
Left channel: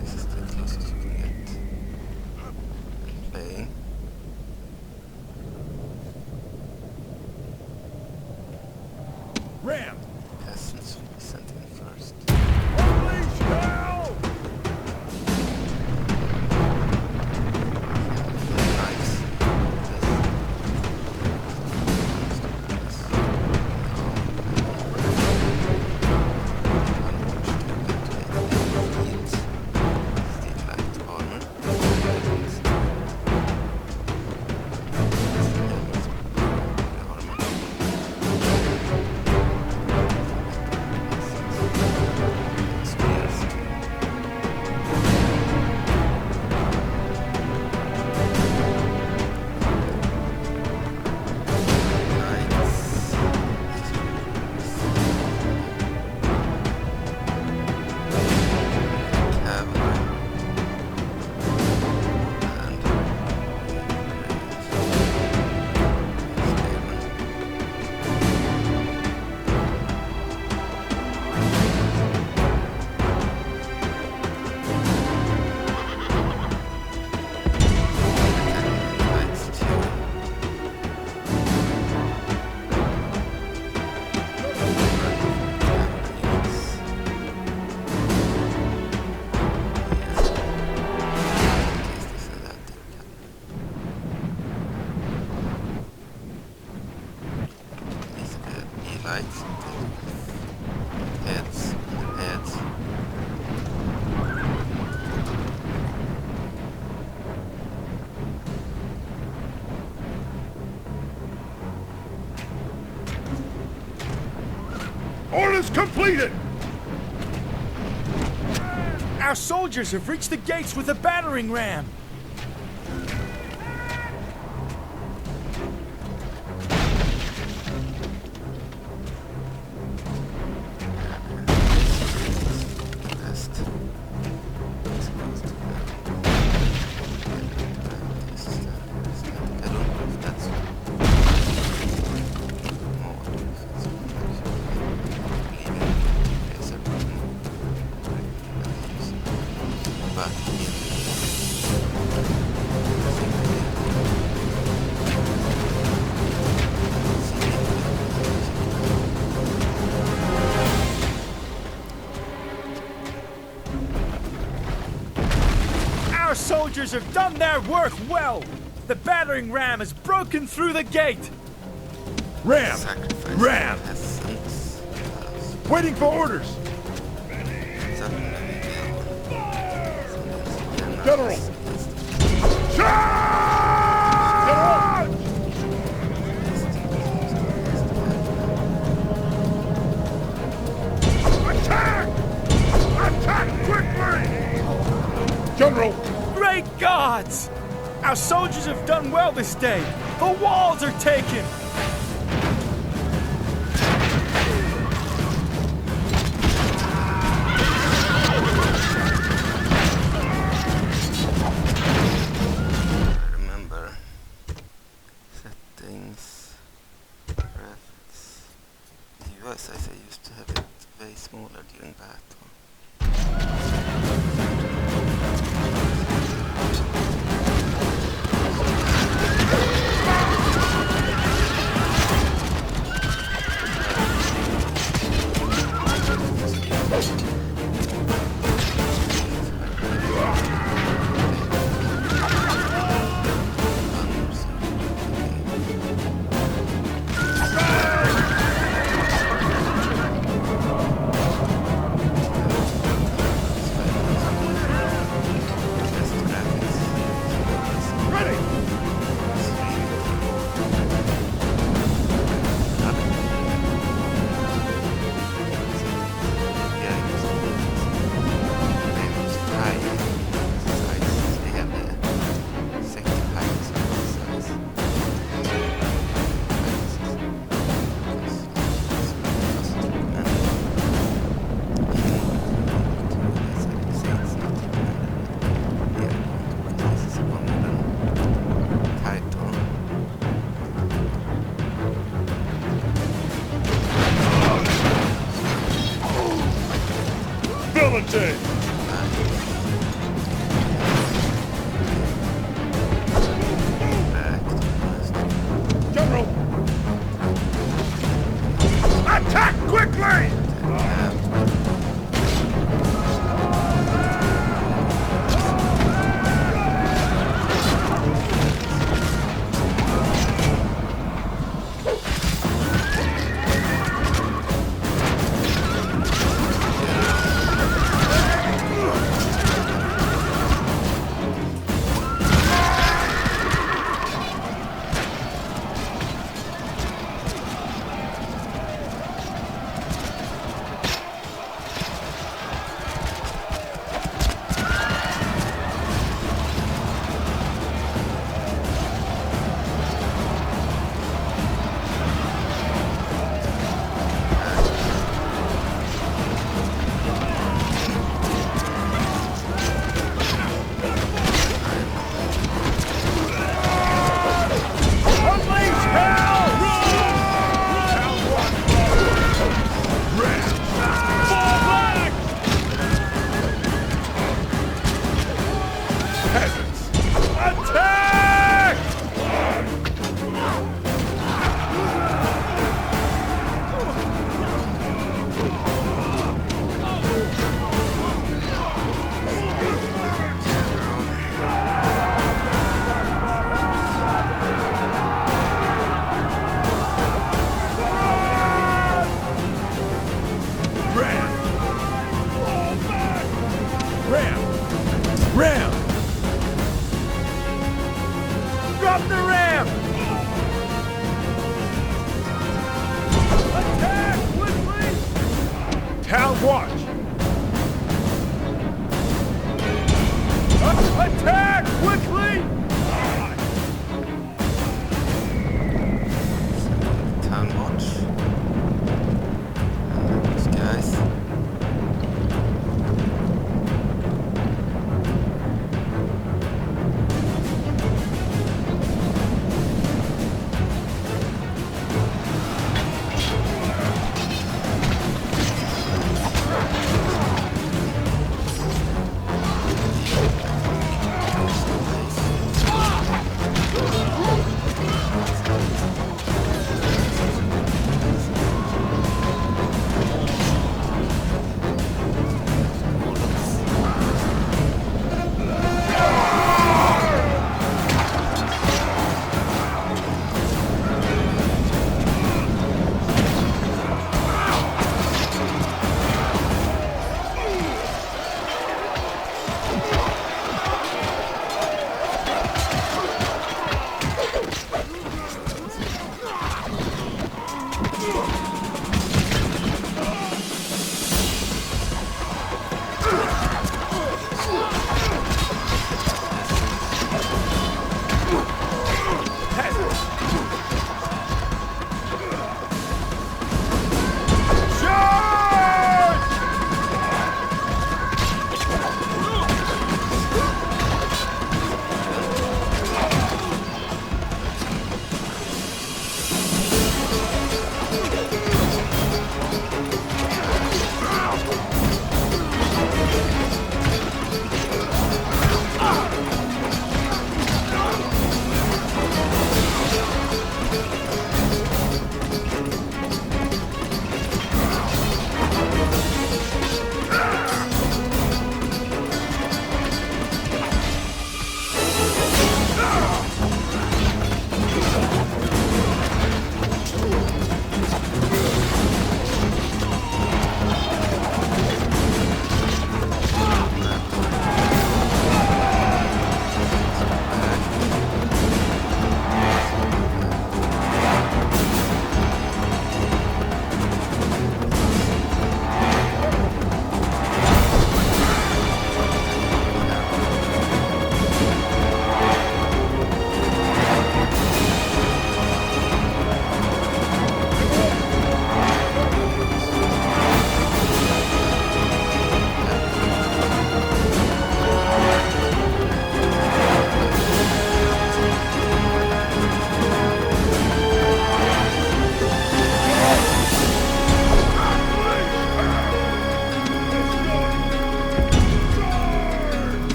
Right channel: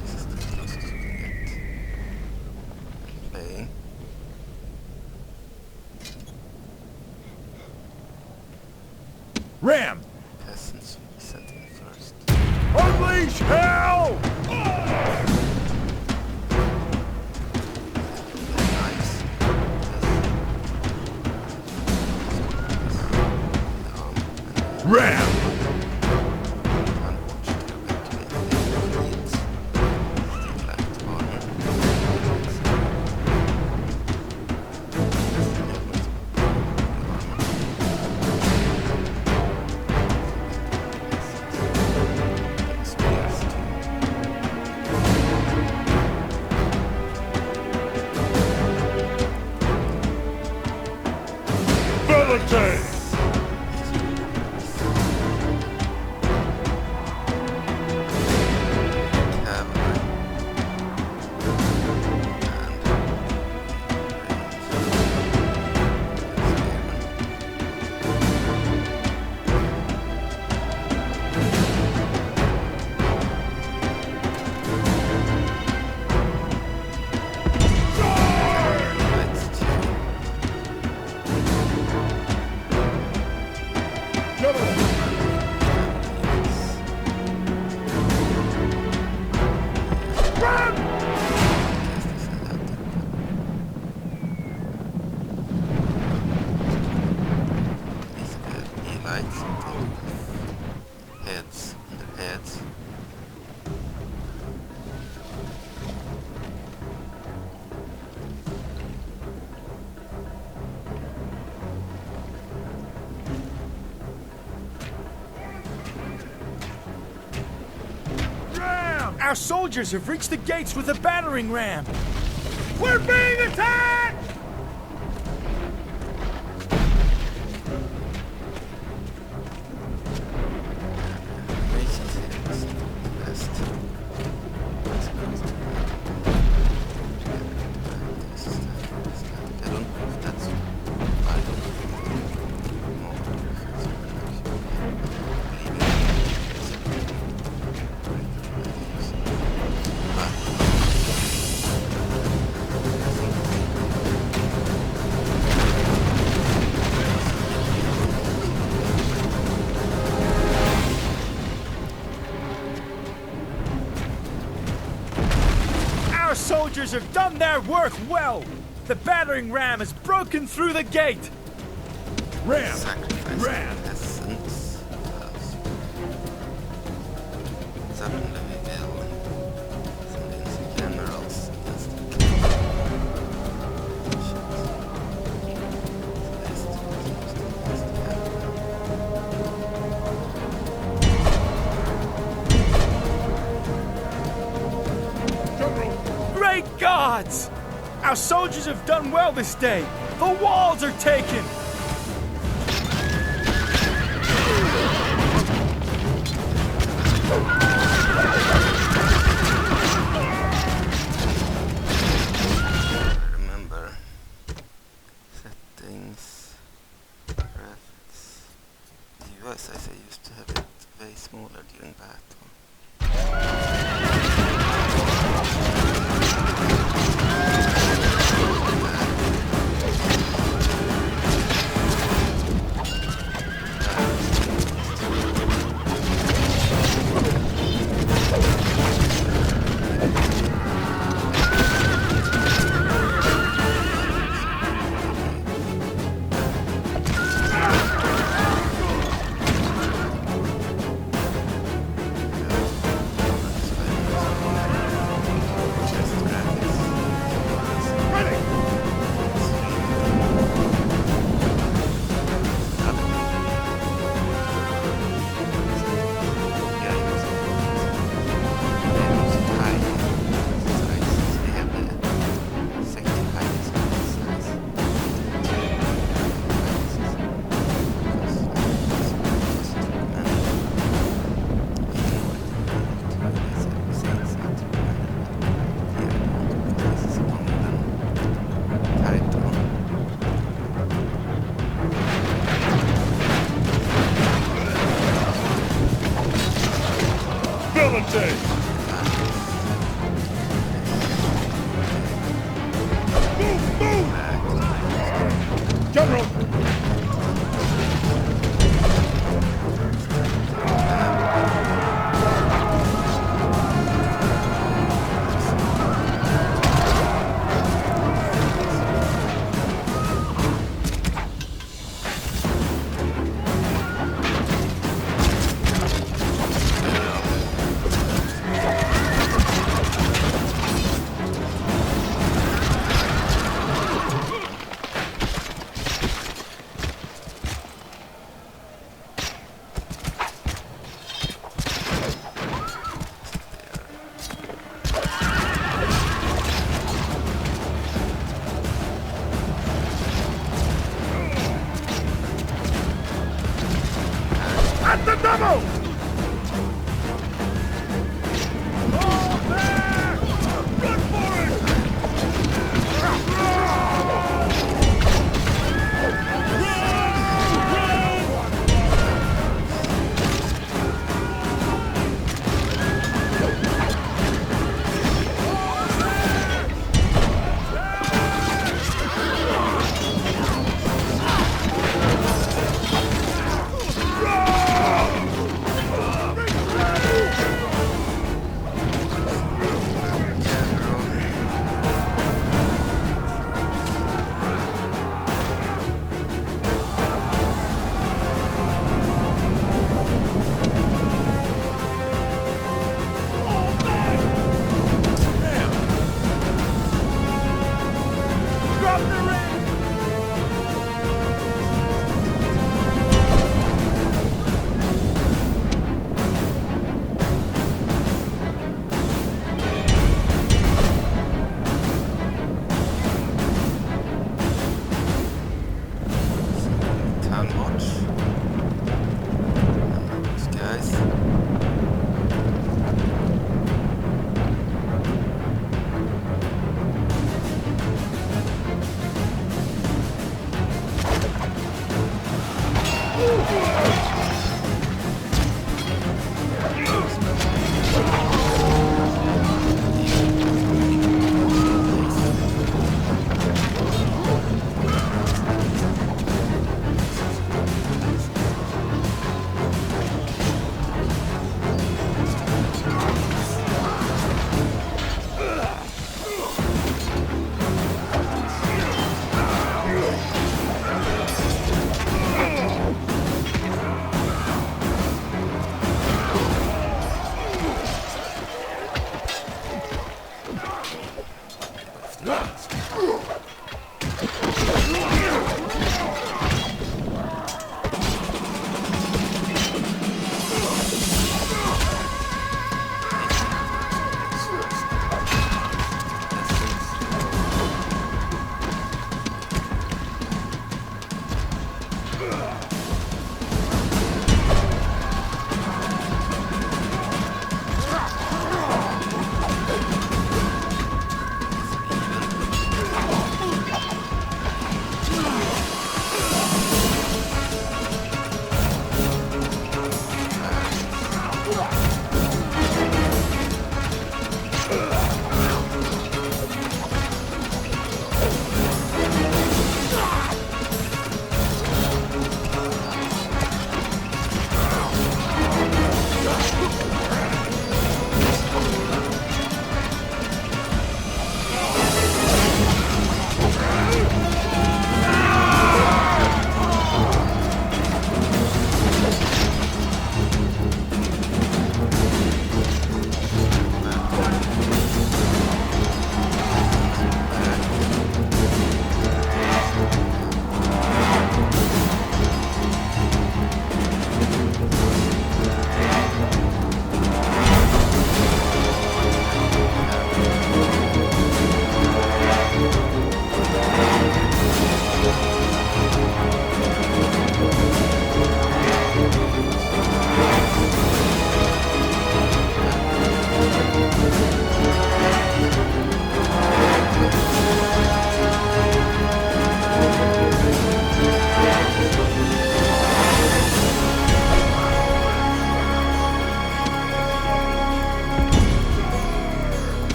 This is the closest you can get. Playing. Ram! Peasants will be sent in first. Unleash hell! Nice. Ram! Unwatched fields. Still lacked armor. Spears too. Cavalry. And spearmen. Lights too. Lights, heads, heads. Orders completed! Ram! Our soldiers have reached the gates with a battering ram. We're being attacked! I don't know if that's Our soldiers have done their work well. The battering ram has broken through the gate. Ram! sacrifice Ram! peasants. Waiting for orders! Suddenly reveal generals General. against Charge! gods! Our soldiers have done well this day! The walls are taken! Remember. Settings. Graphics. The UI size I used to have it way smaller during battle. Valentine! General! Attack quickly! Drop the ram! Attack quickly! Town watch! Attack quickly! Town watch. These guys.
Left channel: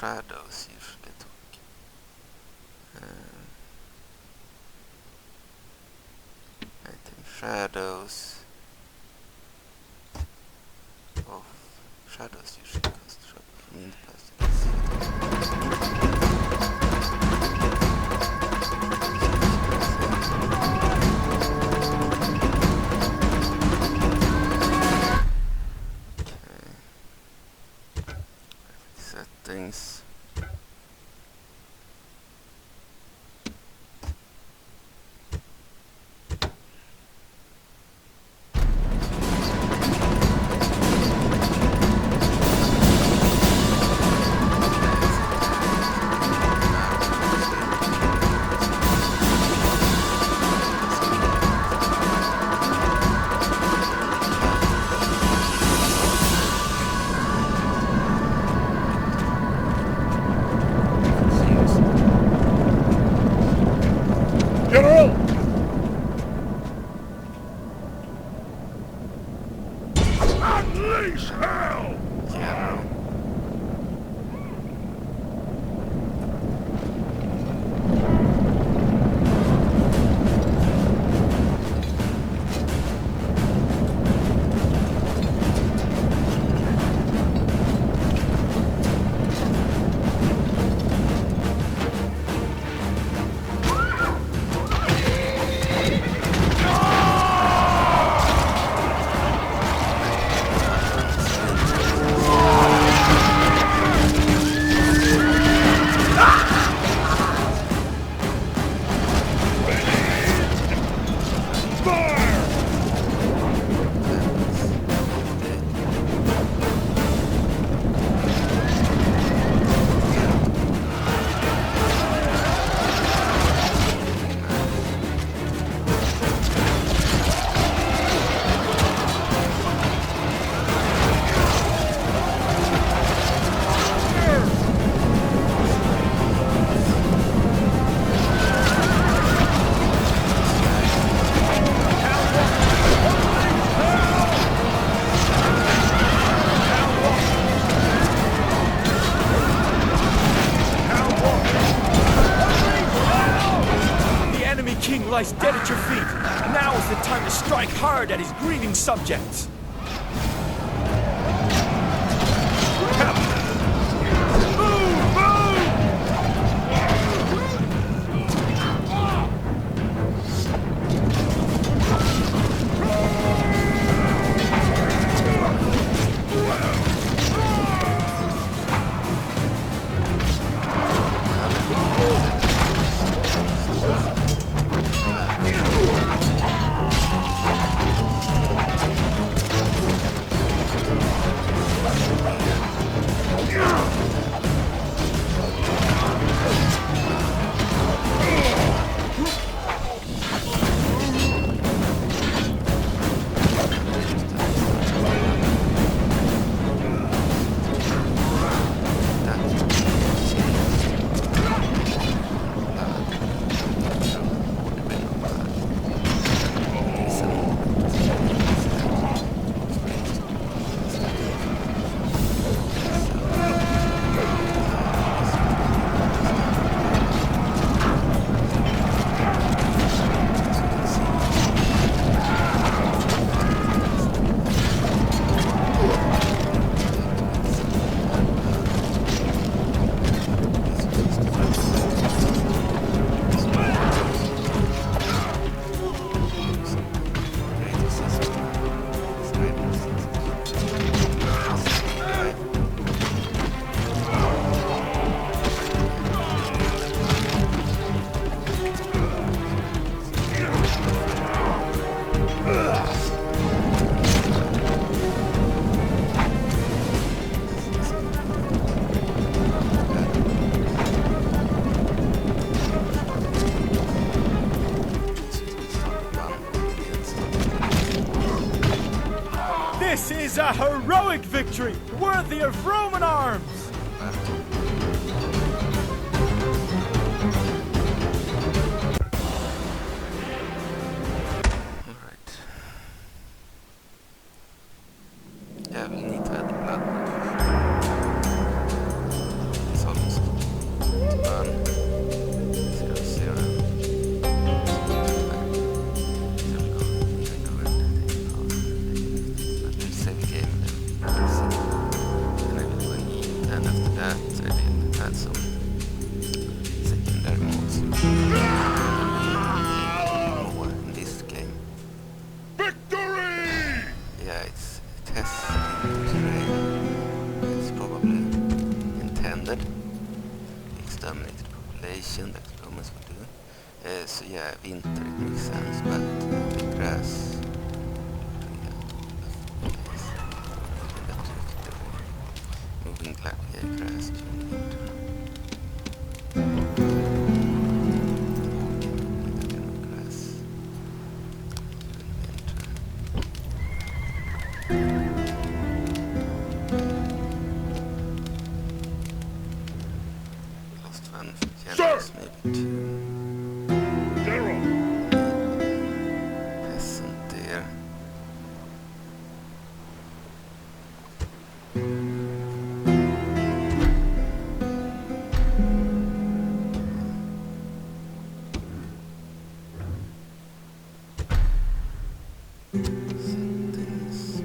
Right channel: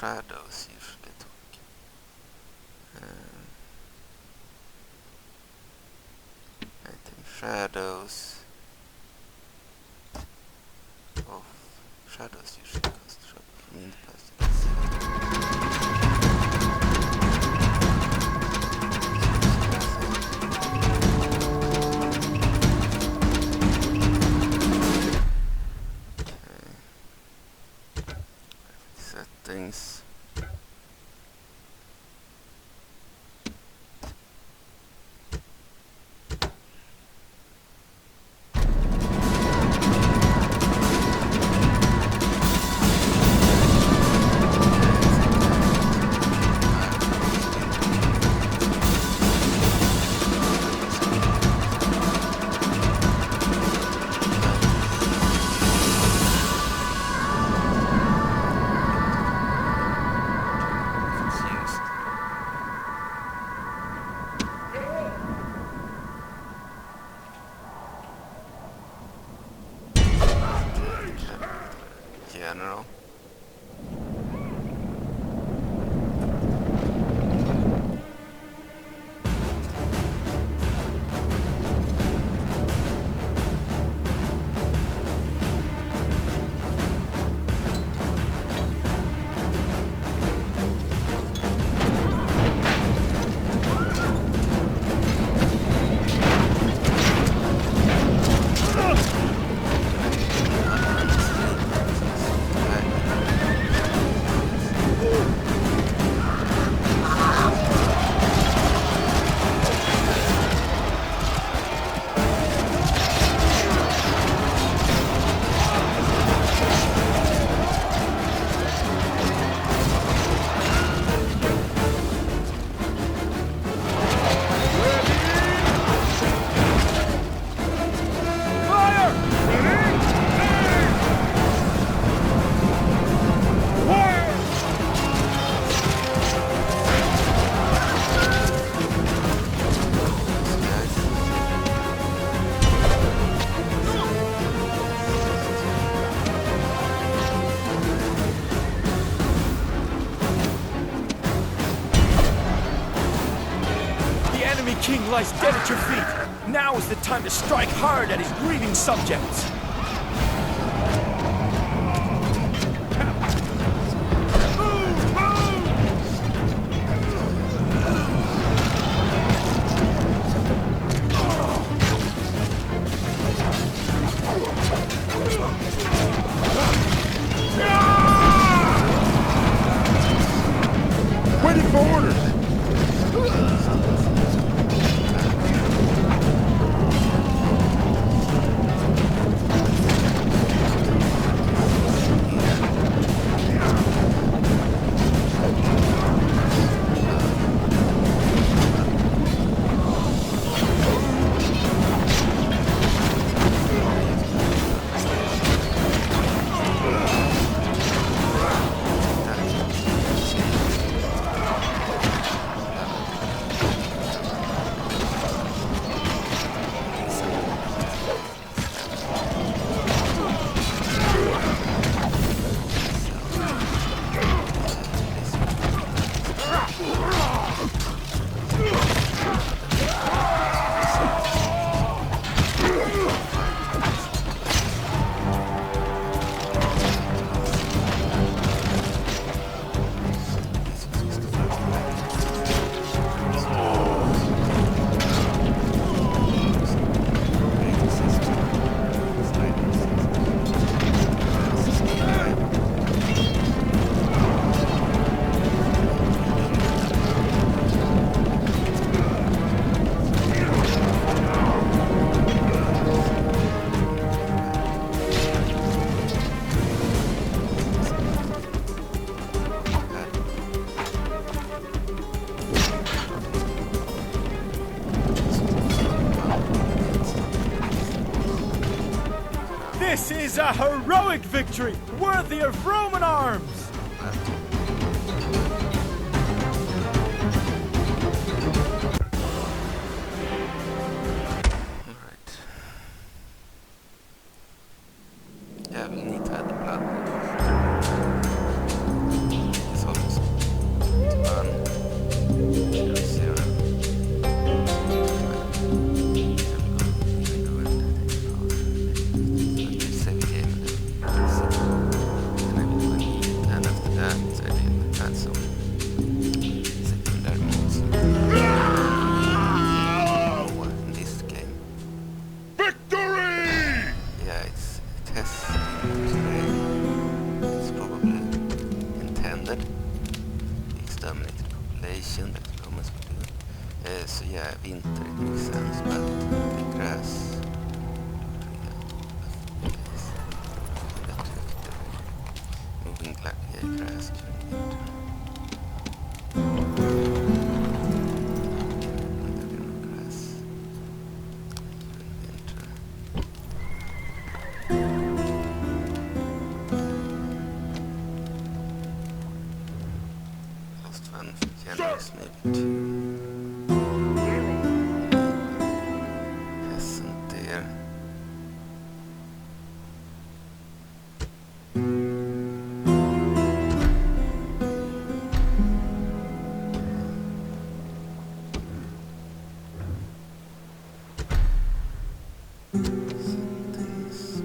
shadows usually talk. Item shadows. Oh, shadows usually cost trouble for me in the past. Let's see settings. General. King lies dead at your feet. Now is the time to strike hard at his grieving subjects. This is a heroic victory, worthy of Roman arms! Alright. Yeah, we need to add the blood. It's all vegetation like the Romans would do. So yeah, winter it makes sense, but the grass moving grass during winter. Maybe two. Peasant there. Settings.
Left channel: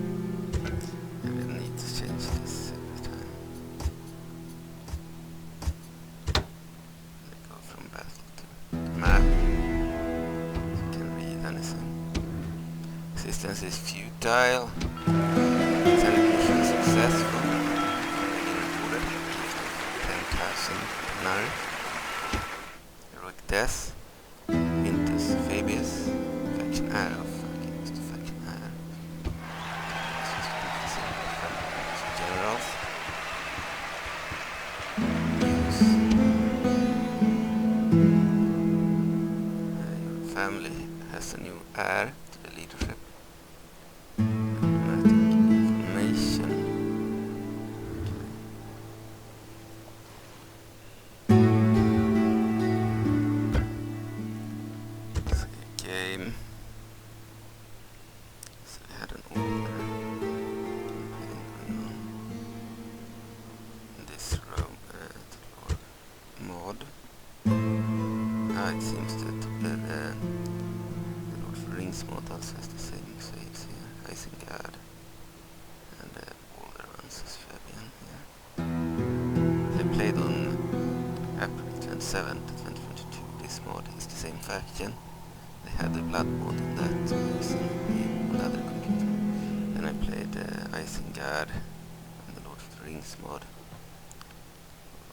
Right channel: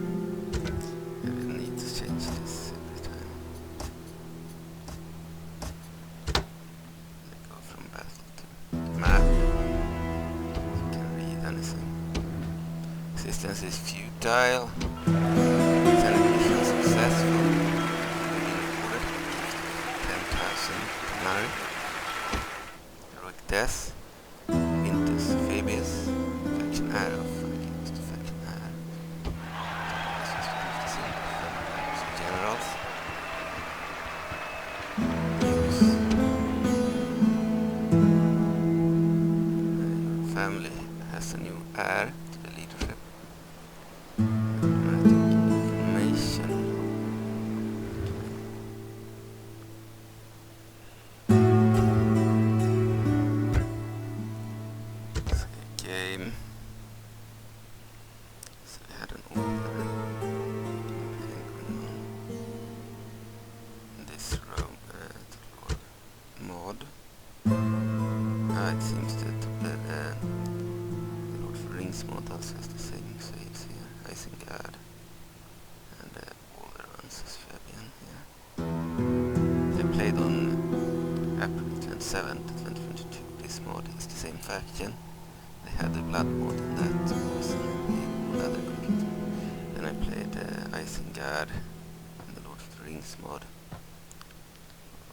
I will need to change this every time. Go from battle to map. You can read anything. Resistance is futile. Senate mission successful. We've been rewarded with a gift of 10,000 denarii. Heroic death. Quintus Fabius. Faction arrow. Fucking was the faction arrow. Generals. News. Your family has a new heir to the leadership. Diplomatic information. Save game. So we had an older campaign going on. This Rome mod. It seems that the Lord of the Rings mod also has the same saves here. Isengard and all the ones as Fabian here. They played on April 27th, 2022. This mod is the same faction. They had the blood mod in that version on the other computer. Then I played Isengard and the Lord of the Rings mod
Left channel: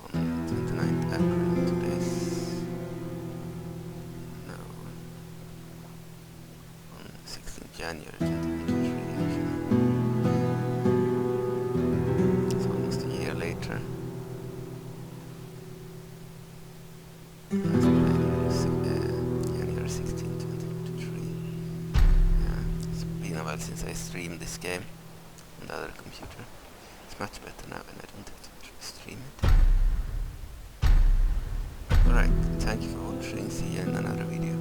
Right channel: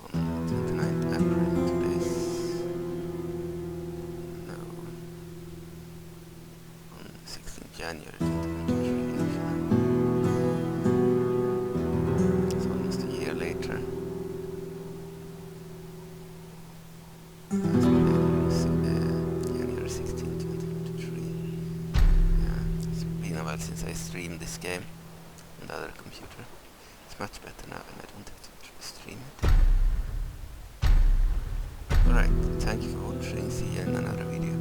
on 29th April. Today's on 16th January 2023. It's almost a year later. Last played January 16th, 2023. Yeah, it's been a while since I streamed this game on the other computer. It's much better now and I don't have to stream it. Alright, thank you for watching, see you in another video.